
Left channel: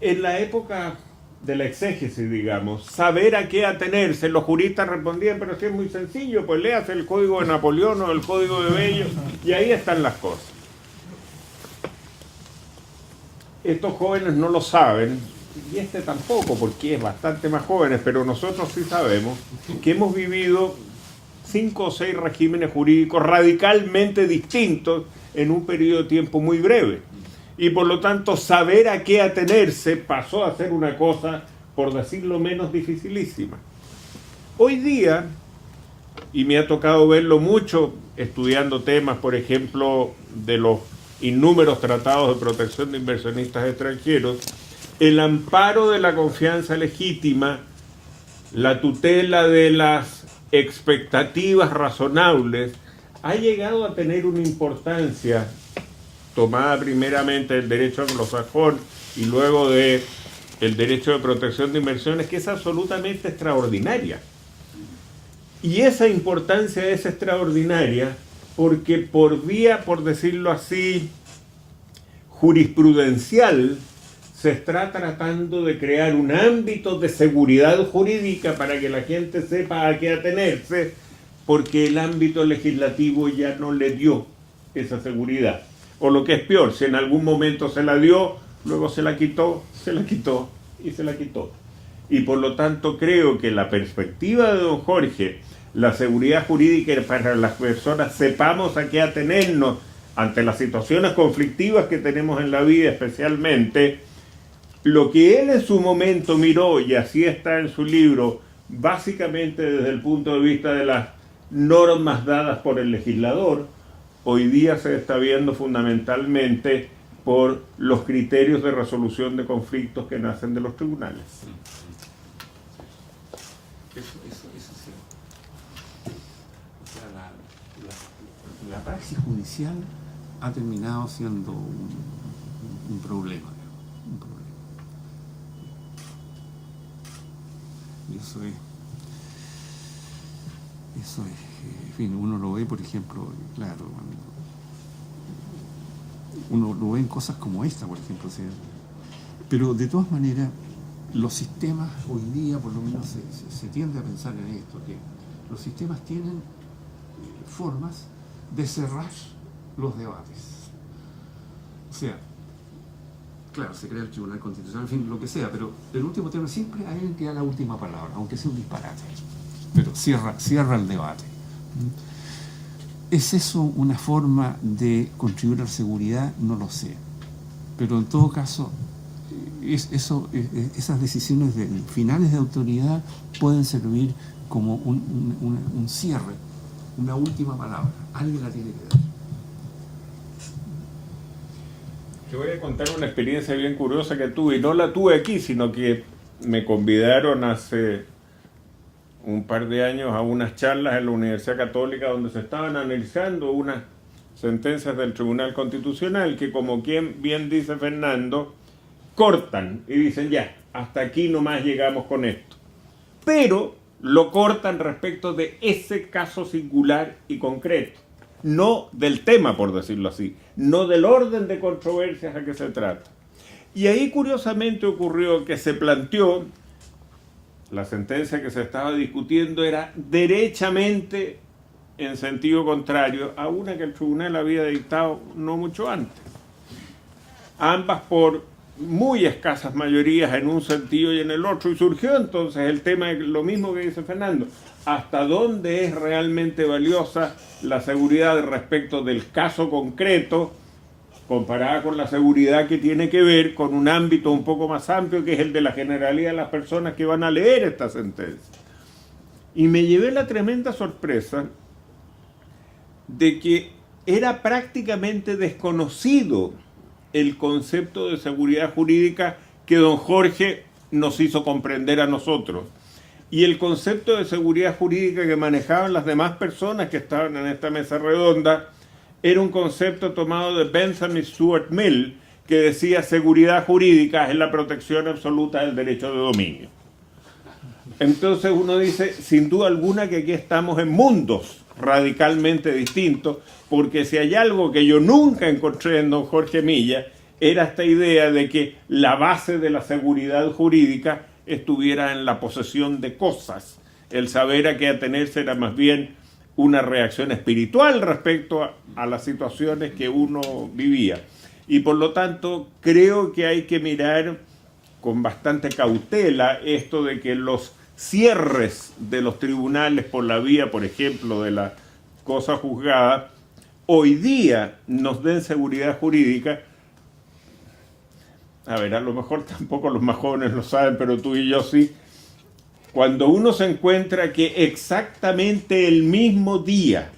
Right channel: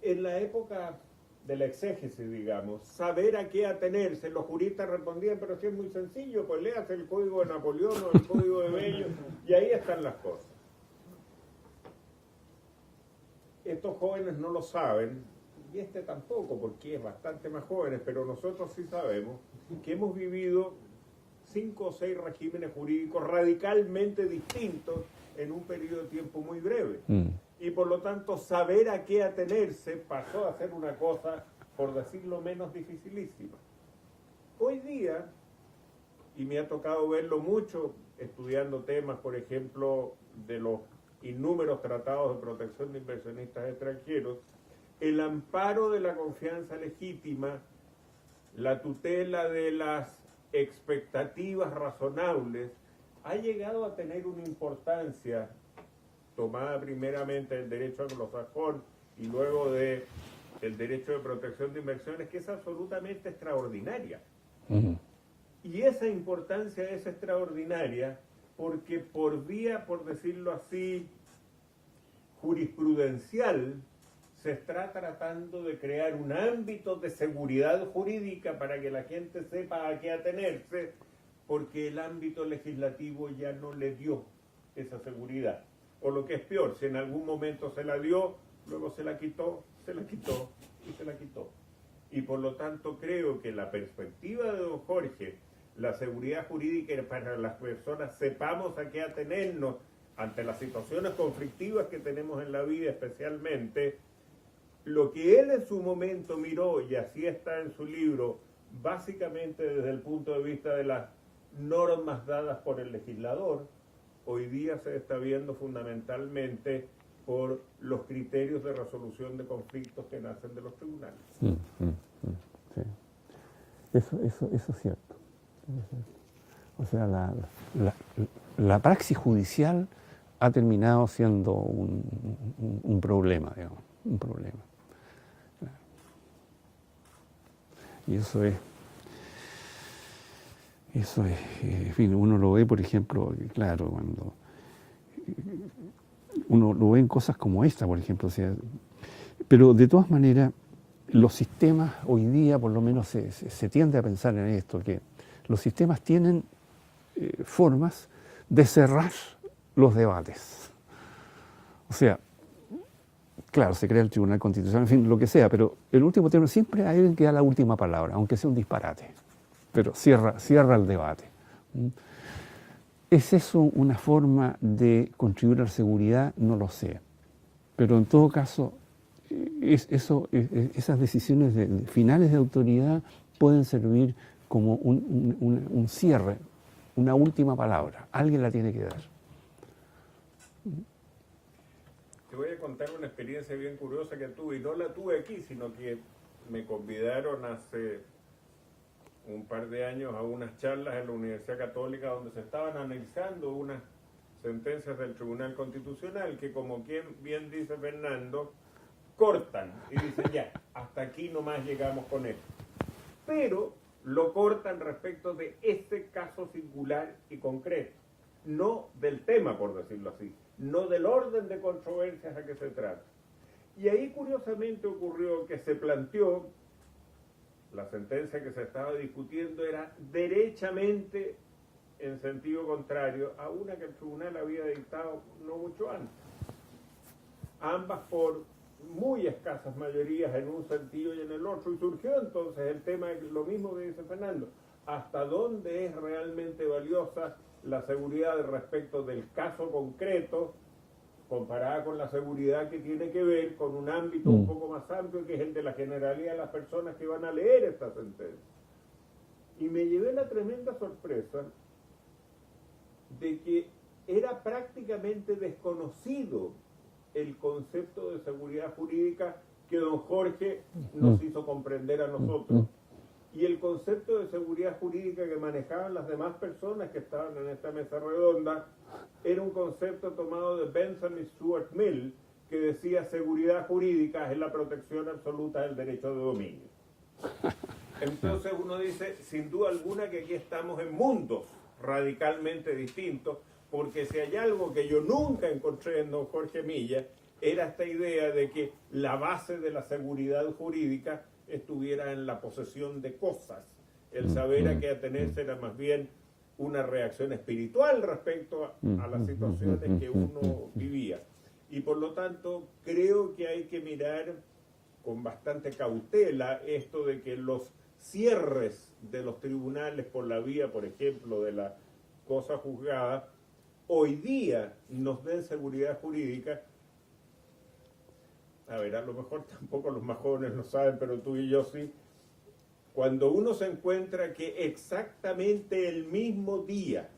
En la época de la exégesis, digamos, saber a qué atenerse, los juristas respondían, pero sí es muy sencillo, pues léase el Código de Napoleón o el Código de Bello, y ahí están las cosas. Estos jóvenes no lo saben, y este tampoco, porque es bastante más jóvenes, pero nosotros sí sabemos que hemos vivido 5 o 6 regímenes jurídicos radicalmente distintos en un periodo de tiempo muy breve. Y por lo tanto, saber a qué atenerse pasó a ser una cosa, por decirlo menos, dificilísima. Hoy día, y me ha tocado verlo mucho estudiando temas, por ejemplo, de los innúmeros tratados de protección de inversionistas extranjeros, el amparo de la confianza legítima, la tutela de las expectativas razonables, ha llegado a tener una importancia tomada primeramente del derecho anglosajón y luego del derecho de protección de inversiones, que es absolutamente extraordinaria. Y esa importancia es extraordinaria porque por vía, por decirlo así, jurisprudencial, se está tratando de crear un ámbito de seguridad jurídica para que la gente sepa a qué atenerse, porque el ámbito legislativo ya no le dio esa seguridad. O lo que es peor, si en algún momento se la dio, luego se la quitó y se la quitó. Y por lo tanto creo que la perspectiva de don Jorge, la seguridad jurídica para las personas, sepamos a qué atenernos ante las situaciones conflictivas que tenemos en la vida especialmente, lo que él en su momento miró, y así está en su libro, básicamente desde el punto de vista de las normas dadas por el legislador, hoy día se está viendo fundamentalmente por los criterios de resolución de conflictos que nacen de los tribunales. Eso es cierto. O sea, la praxis judicial ha terminado siendo un problema, digamos, un problema. Y eso es, en fin, uno lo ve, por ejemplo, claro, cuando uno lo ve en cosas como esta, por ejemplo, o sea, pero de todas maneras, los sistemas hoy día, por lo menos se tiende a pensar en esto, que los sistemas tienen formas de cerrar los debates. O sea, claro, se crea el Tribunal Constitucional, en fin, lo que sea, pero el último término siempre hay alguien que da la última palabra, aunque sea un disparate, pero cierra el debate. ¿Es eso una forma de contribuir a la seguridad? No lo sé. Pero en todo caso, esas decisiones finales de autoridad pueden servir como un cierre, una última palabra. Alguien la tiene que dar. Te voy a contar una experiencia bien curiosa que tuve, y no la tuve aquí, sino que me convidaron hace un par de años a unas charlas en la Universidad Católica donde se estaban analizando unas sentencias del Tribunal Constitucional que, como quien bien dice Fernando, cortan y dicen ya, hasta aquí nomás llegamos con esto. Pero lo cortan respecto de ese caso singular y concreto, no del tema, por decirlo así, no del orden de controversias a que se trata. Y ahí curiosamente ocurrió que se planteó, la sentencia que se estaba discutiendo era derechamente en sentido contrario a una que el tribunal había dictado no mucho antes. Ambas por muy escasas mayorías en un sentido y en el otro, y surgió entonces el tema de lo mismo que dice Fernando: hasta dónde es realmente valiosa la seguridad respecto del caso concreto comparada con la seguridad que tiene que ver con un ámbito un poco más amplio, que es el de la generalidad de las personas que van a leer esta sentencia. Y me llevé la tremenda sorpresa de que era prácticamente desconocido el concepto de seguridad jurídica que don Jorge nos hizo comprender a nosotros. Y el concepto de seguridad jurídica que manejaban las demás personas que estaban en esta mesa redonda era un concepto tomado de Benjamin Stuart Mill, que decía: seguridad jurídica es la protección absoluta del derecho de dominio. Entonces uno dice, sin duda alguna, que aquí estamos en mundos radicalmente distintos, porque si hay algo que yo nunca encontré en don Jorge Milla, era esta idea de que la base de la seguridad jurídica estuviera en la posesión de cosas. El saber a qué atenerse era más bien una reacción espiritual respecto a las situaciones que uno vivía. Y por lo tanto, creo que hay que mirar con bastante cautela esto de que los cierres de los tribunales por la vía, por ejemplo, de la cosa juzgada, hoy día nos den seguridad jurídica. A ver, a lo mejor tampoco los más jóvenes lo saben, pero tú y yo sí. Cuando uno se encuentra que exactamente el mismo día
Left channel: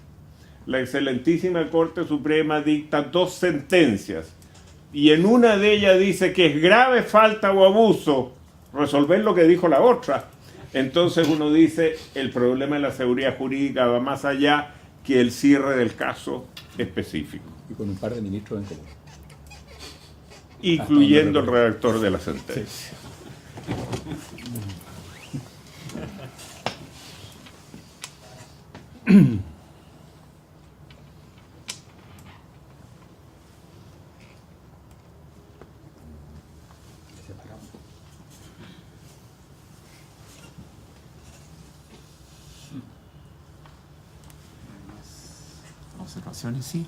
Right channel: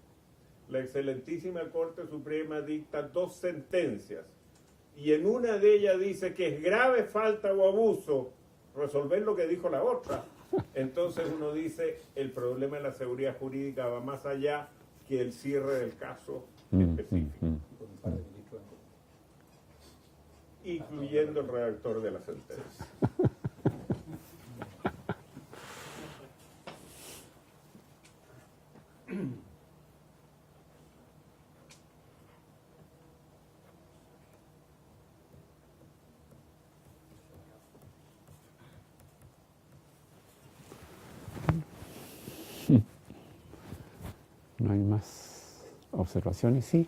la excelentísima Corte Suprema dicta 2 sentencias y en una de ellas dice que es grave falta o abuso resolver lo que dijo la otra, entonces uno dice, el problema de la seguridad jurídica va más allá que el cierre del caso específico. Y con un par de ministros en común. Incluyendo el redactor de la sentencia. ¿No hay más observaciones? Sí.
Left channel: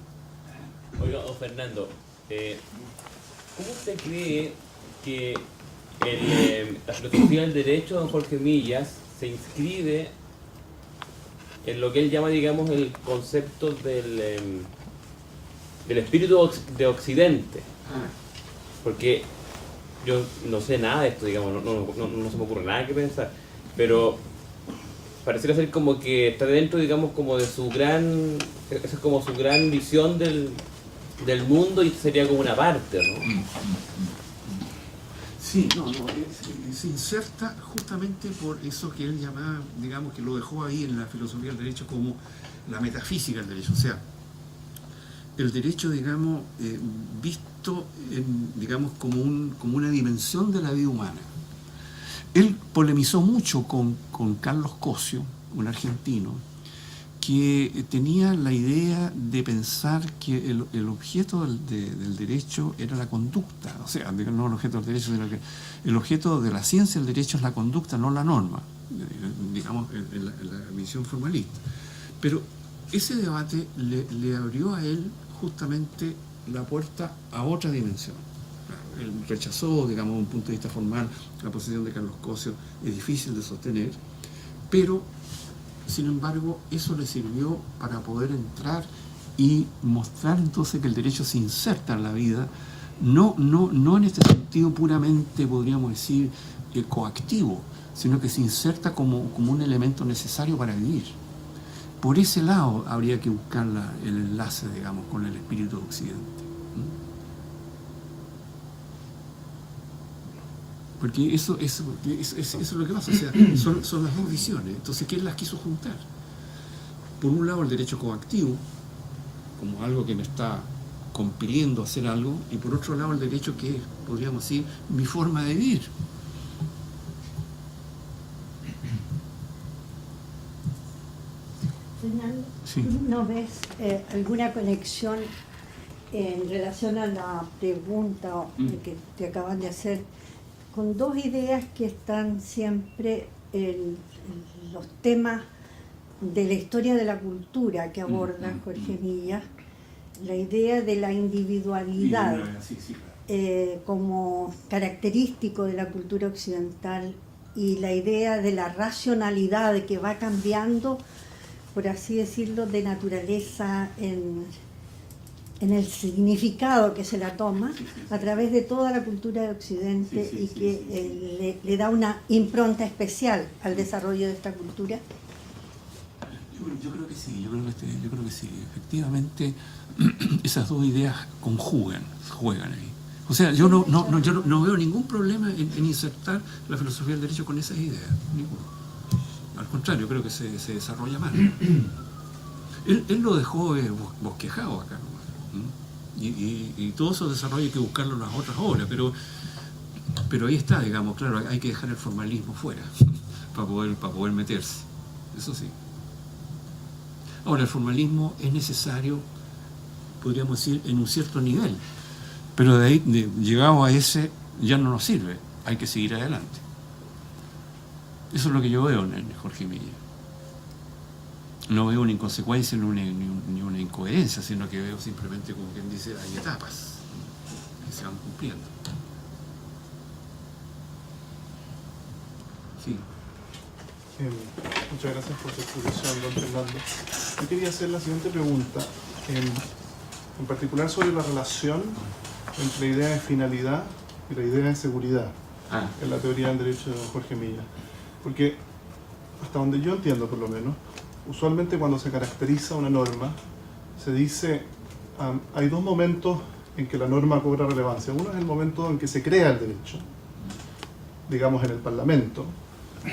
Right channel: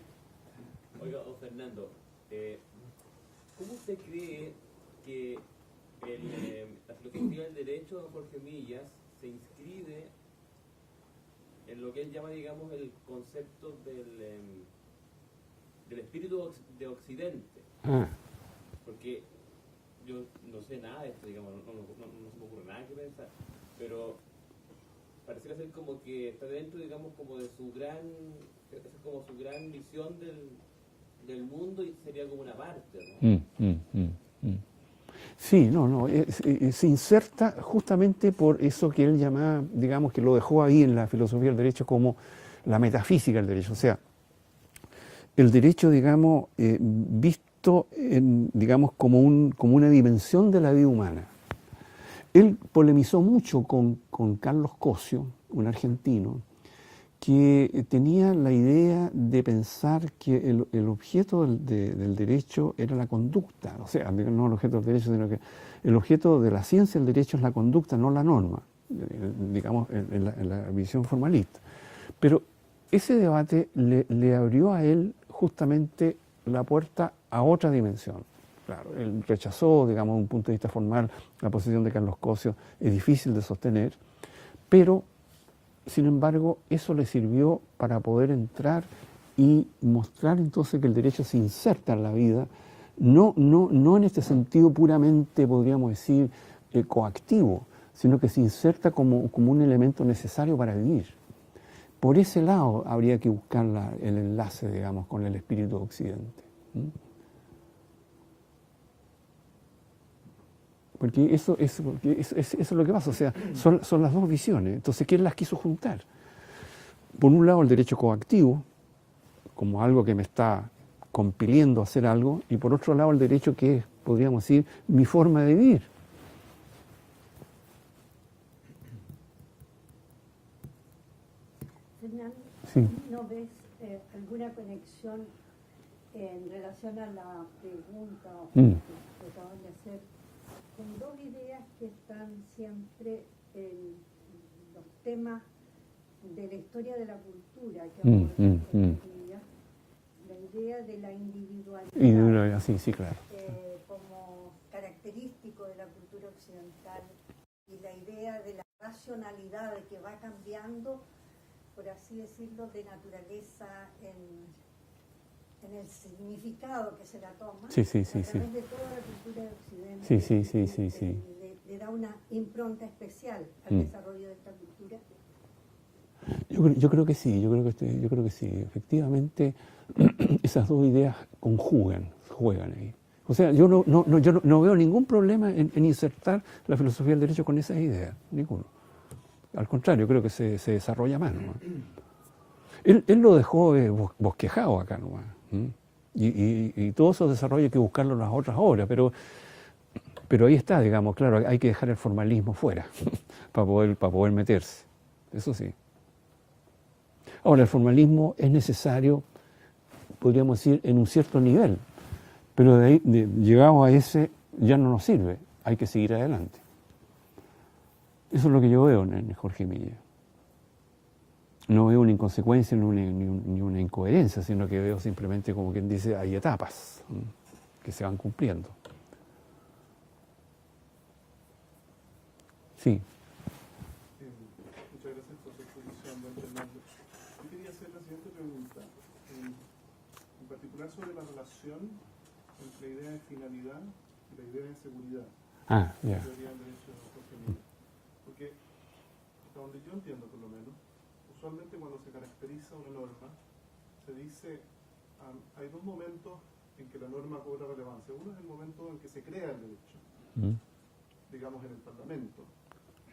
Oiga, don Fernando, ¿cómo usted cree que la filosofía del derecho de don Jorge Millas se inscribe en lo que él llama, digamos, el concepto del espíritu de Occidente? Porque yo no sé nada de esto, digamos, no se me ocurre nada que pensar, pero pareciera ser como que está dentro, digamos, como de su gran, esa es como su gran visión del mundo, y sería como una parte, ¿no? Sí, se inserta justamente por eso que él llamaba, digamos, que lo dejó ahí en la filosofía del derecho como la metafísica del derecho. O sea, el derecho, digamos, visto digamos, como una dimensión de la vida humana. Él polemizó mucho con Carlos Cosio, un argentino, que tenía la idea de pensar que el objeto del derecho era la conducta, o sea, no el objeto del derecho, sino que el objeto de la ciencia del derecho es la conducta, no la norma, digamos, en la visión formalista. Pero ese debate le abrió a él justamente la puerta a otra dimensión. Claro, él rechazó, digamos, desde un punto de vista formal, la posición de Carlos Cosio, es difícil de sostener, pero sin embargo, eso le sirvió para poder entrar y mostrar entonces que el derecho se inserta en la vida, no en este sentido puramente, podríamos decir, coactivo, sino que se inserta como un elemento necesario para vivir. Por ese lado habría que buscar el enlace, digamos, con el espíritu de Occidente. Porque eso es lo que pasa, o sea, son las dos visiones. Entonces, ¿quién las quiso juntar? Por un lado, el derecho coactivo, como algo que me está compeliendo a hacer algo, y por otro lado, el derecho que es, podríamos decir, mi forma de vivir. Fernando, Sí. ¿no ves alguna conexión en relación a la pregunta que te acaban de hacer con dos ideas que están siempre en los temas de la historia de la cultura que aborda Jorge Millas? La idea de la individualidad Sí, claro. Como característico de la cultura occidental, y la idea de la racionalidad que va cambiando, por así decirlo, de naturaleza en el significado que se la toma a través de toda la cultura de Occidente, y que le da una impronta especial al desarrollo de esta cultura. Yo creo que sí, yo creo que sí. Efectivamente, esas dos ideas juegan ahí. O sea, yo no veo ningún problema en insertar la filosofía del derecho con esas ideas, ninguno. Al contrario, creo que se desarrolla mal, ¿no? Él lo dejó bosquejado acá nomás. Y todo eso desarrollo hay que buscarlo en las otras obras, pero ahí está, digamos, claro, hay que dejar el formalismo fuera para poder meterse. Eso sí. Ahora, el formalismo es necesario, podríamos decir, en un cierto nivel, pero de ahí, llegado a ese, ya no nos sirve, hay que seguir adelante. Eso es lo que yo veo en Jorge Milla. No veo una inconsecuencia ni una incoherencia, sino que veo simplemente, como quien dice, hay etapas que se van cumpliendo. Sí. Muchas gracias por su exposición, don Fernando. Yo quería hacer la siguiente pregunta, en particular sobre la relación entre la idea de finalidad y la idea de seguridad en la teoría del derecho de don Jorge Milla. Porque, hasta donde yo entiendo por lo menos, usualmente cuando se caracteriza una norma, se dice, hay dos momentos en que la norma cobra relevancia. Uno es el momento en que se crea el derecho, digamos en el Parlamento,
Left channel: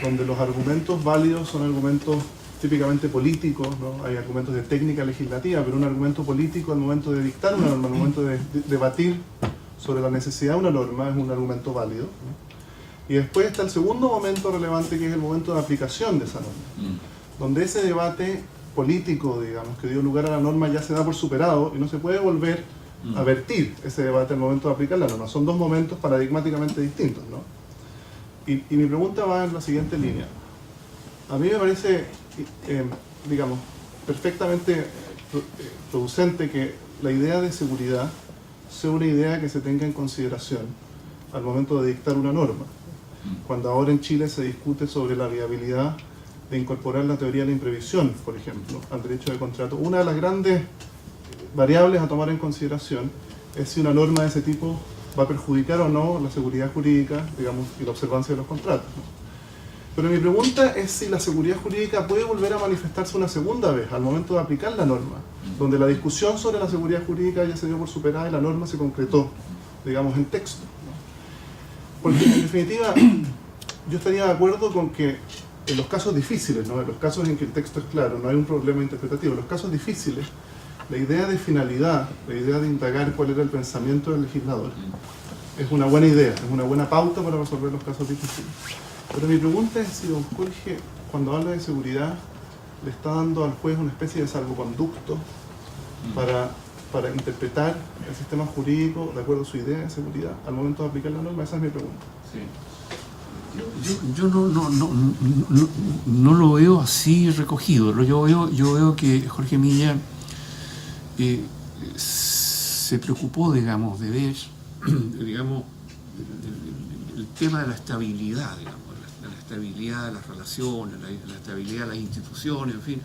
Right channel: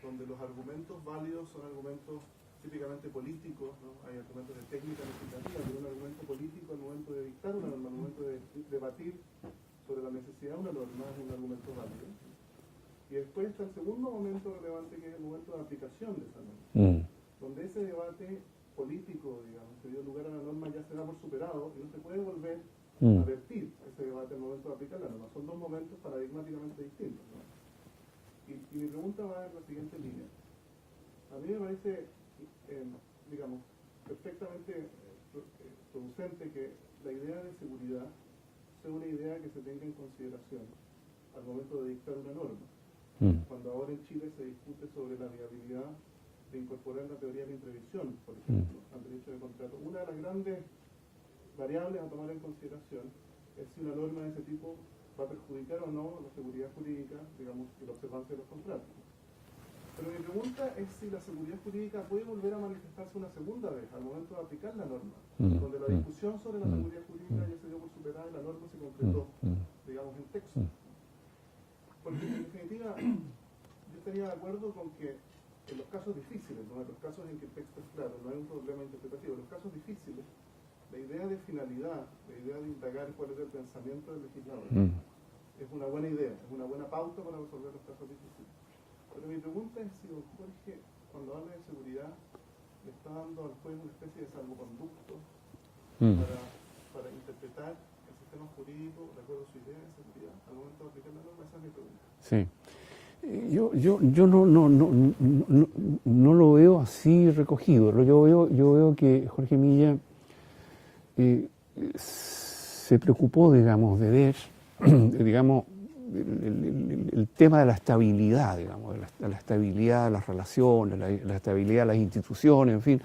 donde los argumentos válidos son argumentos típicamente políticos, ¿no? Hay argumentos de técnica legislativa, pero un argumento político al momento de dictar una norma, al momento de debatir sobre la necesidad de una norma, es un argumento válido, ¿no? Y después está el segundo momento relevante, que es el momento de aplicación de esa norma, donde ese debate político, digamos, que dio lugar a la norma ya se da por superado y no se puede volver a vertir ese debate al momento de aplicar la norma. Son dos momentos paradigmáticamente distintos, ¿no? Y mi pregunta va en la siguiente línea. A mí me parece, digamos, perfectamente producente que la idea de seguridad sea una idea que se tenga en consideración al momento de dictar una norma. Cuando ahora en Chile se discute sobre la viabilidad de incorporar la teoría de la imprevisión, por ejemplo, al derecho de contrato, una de las grandes variables a tomar en consideración es si una norma de ese tipo va a perjudicar o no la seguridad jurídica, digamos, y la observancia de los contratos, ¿no? Pero mi pregunta es si la seguridad jurídica puede volver a manifestarse una segunda vez al momento de aplicar la norma, donde la discusión sobre la seguridad jurídica ya se dio por superada y la norma se concretó, digamos, en texto, ¿no? Porque en definitiva yo estaría de acuerdo con que en los casos difíciles, ¿no? En los casos en que el texto es claro, no hay un problema interpretativo, en los casos difíciles, la idea de finalidad, la idea de indagar cuál era el pensamiento del legislador, es una buena idea, es una buena pauta para resolver los casos difíciles. Pero mi pregunta es si don Jorge, cuando habla de seguridad, le está dando al juez una especie de salvoconducto para interpretar el sistema jurídico de acuerdo a su idea de seguridad al momento de aplicar la norma. Esa es mi pregunta. Sí. Yo no lo veo así recogido. Yo veo que Jorge Milla se preocupó, digamos, de ver, digamos, el tema de la estabilidad, digamos, de la estabilidad de las relaciones, la estabilidad de las instituciones, en fin.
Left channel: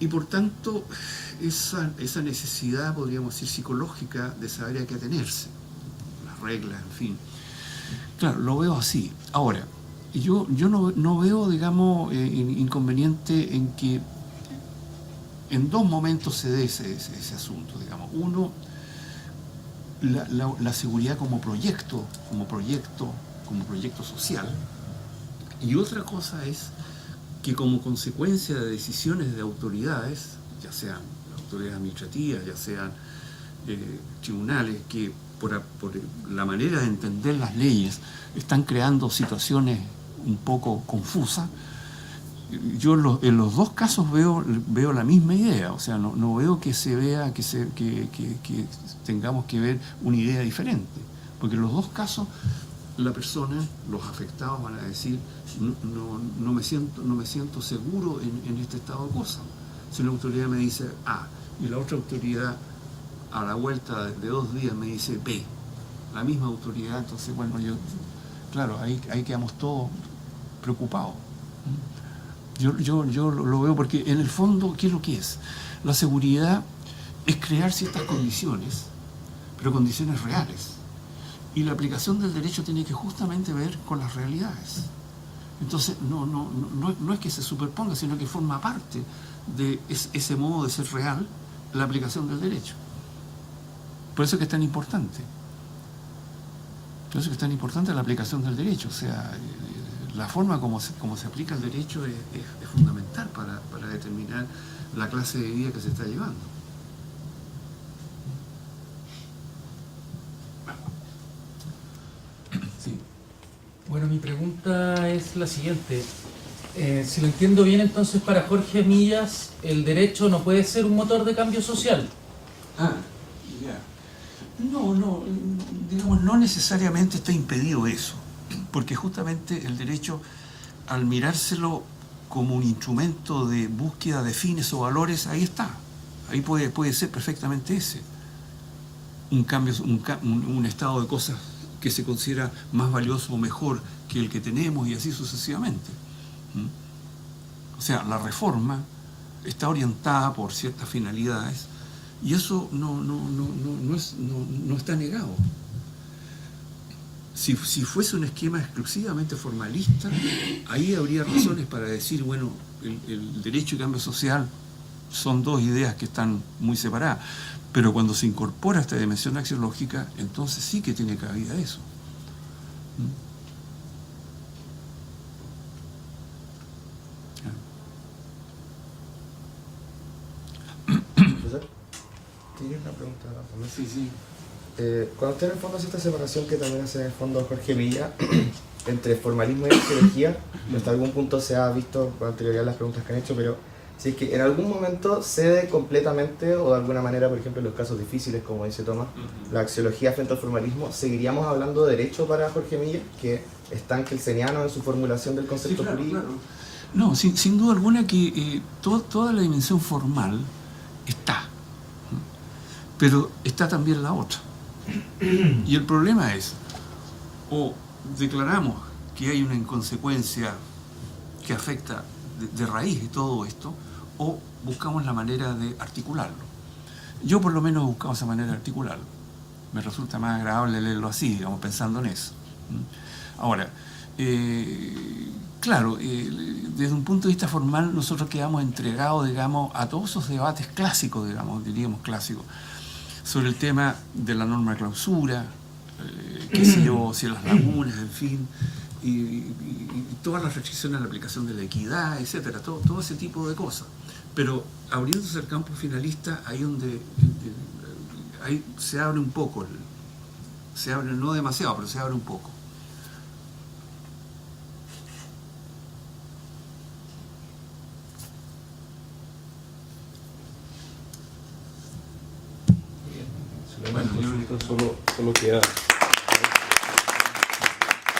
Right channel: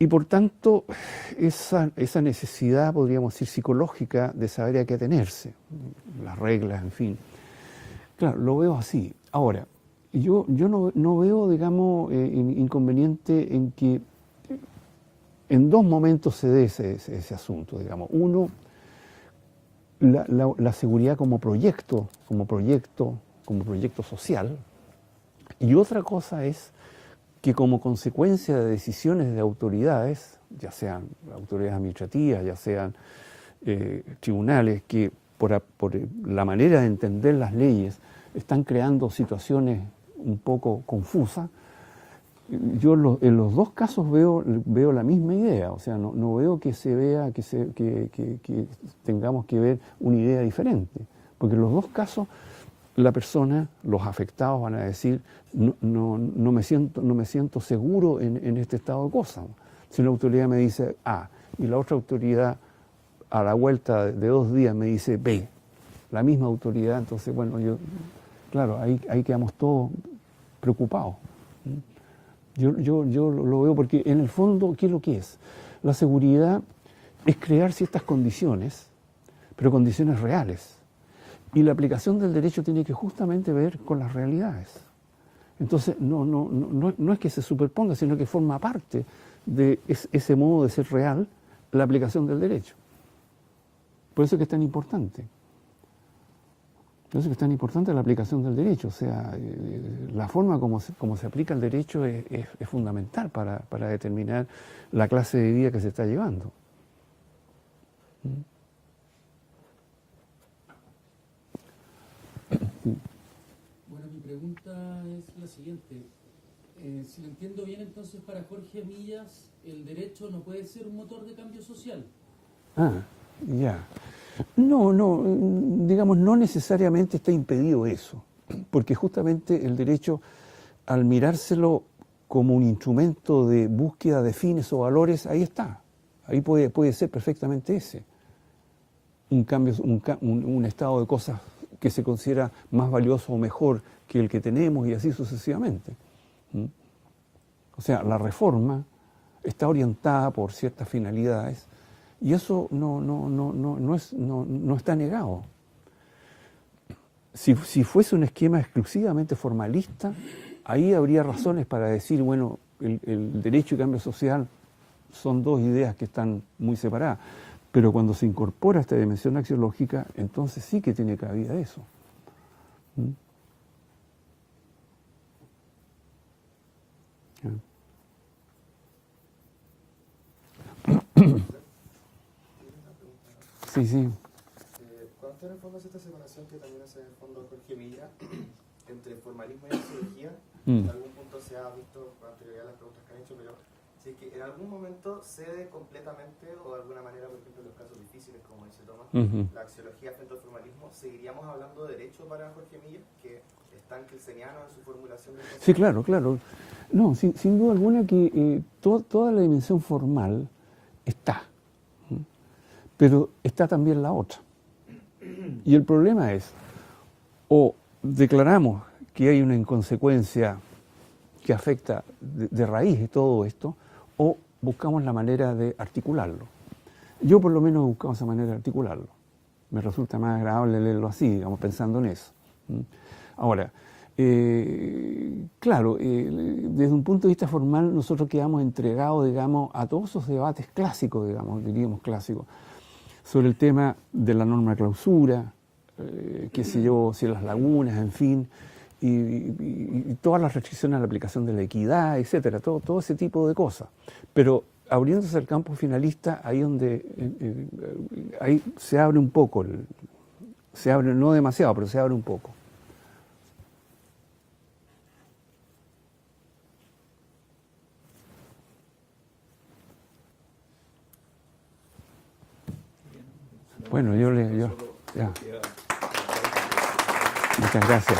Y por tanto, esa necesidad, podríamos decir, psicológica de saber a qué atenerse, las reglas, en fin. Claro, lo veo así. Ahora, yo no veo, digamos, inconveniente en que en dos momentos se dé ese asunto, digamos. Uno, la seguridad como proyecto social, y otra cosa es que como consecuencia de decisiones de autoridades, ya sean autoridades administrativas, ya sean tribunales, que por la manera de entender las leyes están creando situaciones un poco confusas, yo en los dos casos veo la misma idea, o sea, no veo que se vea que tengamos que ver una idea diferente, porque en los dos casos la persona, los afectados van a decir no me siento seguro en este estado de cosas. Si una autoridad me dice A y la otra autoridad a la vuelta de 2 días me dice B, la misma autoridad, entonces bueno, claro, ahí quedamos todos preocupados. Yo lo veo porque en el fondo, ¿qué es lo que es? La seguridad es crear ciertas condiciones, pero condiciones reales. Y la aplicación del derecho tiene que justamente ver con las realidades. Entonces, no es que se superponga, sino que forma parte de ese modo de ser real la aplicación del derecho. Por eso es que es tan importante. Por eso es que es tan importante la aplicación del derecho. O sea, la forma como se aplica el derecho es fundamental para determinar la clase de vida que se está llevando. Sí. Bueno, mi pregunta es la siguiente. Si lo entiendo bien, entonces para Jorge Millas el derecho no puede ser un motor de cambio social. Ah, ya. No, digamos, no necesariamente está impedido eso, porque justamente el derecho, al mirárselo como un instrumento de búsqueda de fines o valores, ahí está. Ahí puede ser perfectamente ese. Un cambio, un estado de cosas que se considera más valioso o mejor que el que tenemos y así sucesivamente. O sea, la reforma está orientada por ciertas finalidades y eso no está negado. Si fuese un esquema exclusivamente formalista, ahí habría razones para decir, bueno, el derecho y cambio social son dos ideas que están muy separadas. Pero cuando se incorpora esta dimensión axiológica, entonces sí que tiene cabida eso. Profesor, ¿tiene una pregunta también? Sí. Cuando usted en el fondo hace esta separación que también hace en el fondo Jorge Milla entre formalismo y axiología, hasta algún punto se ha visto con anterioridad las preguntas que han hecho, pero si es que en algún momento cede completamente o de alguna manera, por ejemplo en los casos difíciles, como dice Tomás, la axiología frente al formalismo, ¿seguiríamos hablando de derecho para Jorge Milla, que es tan kelseniano en su formulación del concepto? Sí, claro. No, sin duda alguna que toda la dimensión formal está, pero está también la otra. Y el problema es, o declaramos que hay una inconsecuencia que afecta de raíz de todo esto, o buscamos la manera de articularlo. Yo por lo menos he buscado esa manera de articularlo. Me resulta más agradable leerlo así, digamos, pensando en eso. Ahora, claro, desde un punto de vista formal nosotros quedamos entregados, digamos, a todos esos debates clásicos, digamos, diríamos clásicos, sobre el tema de la norma clausura, qué sé yo, si las lagunas, en fin, y todas las restricciones a la aplicación de la equidad, etcétera, todo ese tipo de cosas. Pero abriéndose el campo finalista, ahí donde ahí se abre un poco, se abre no demasiado, pero se abre un poco. Bueno, solo queda. Muchas gracias.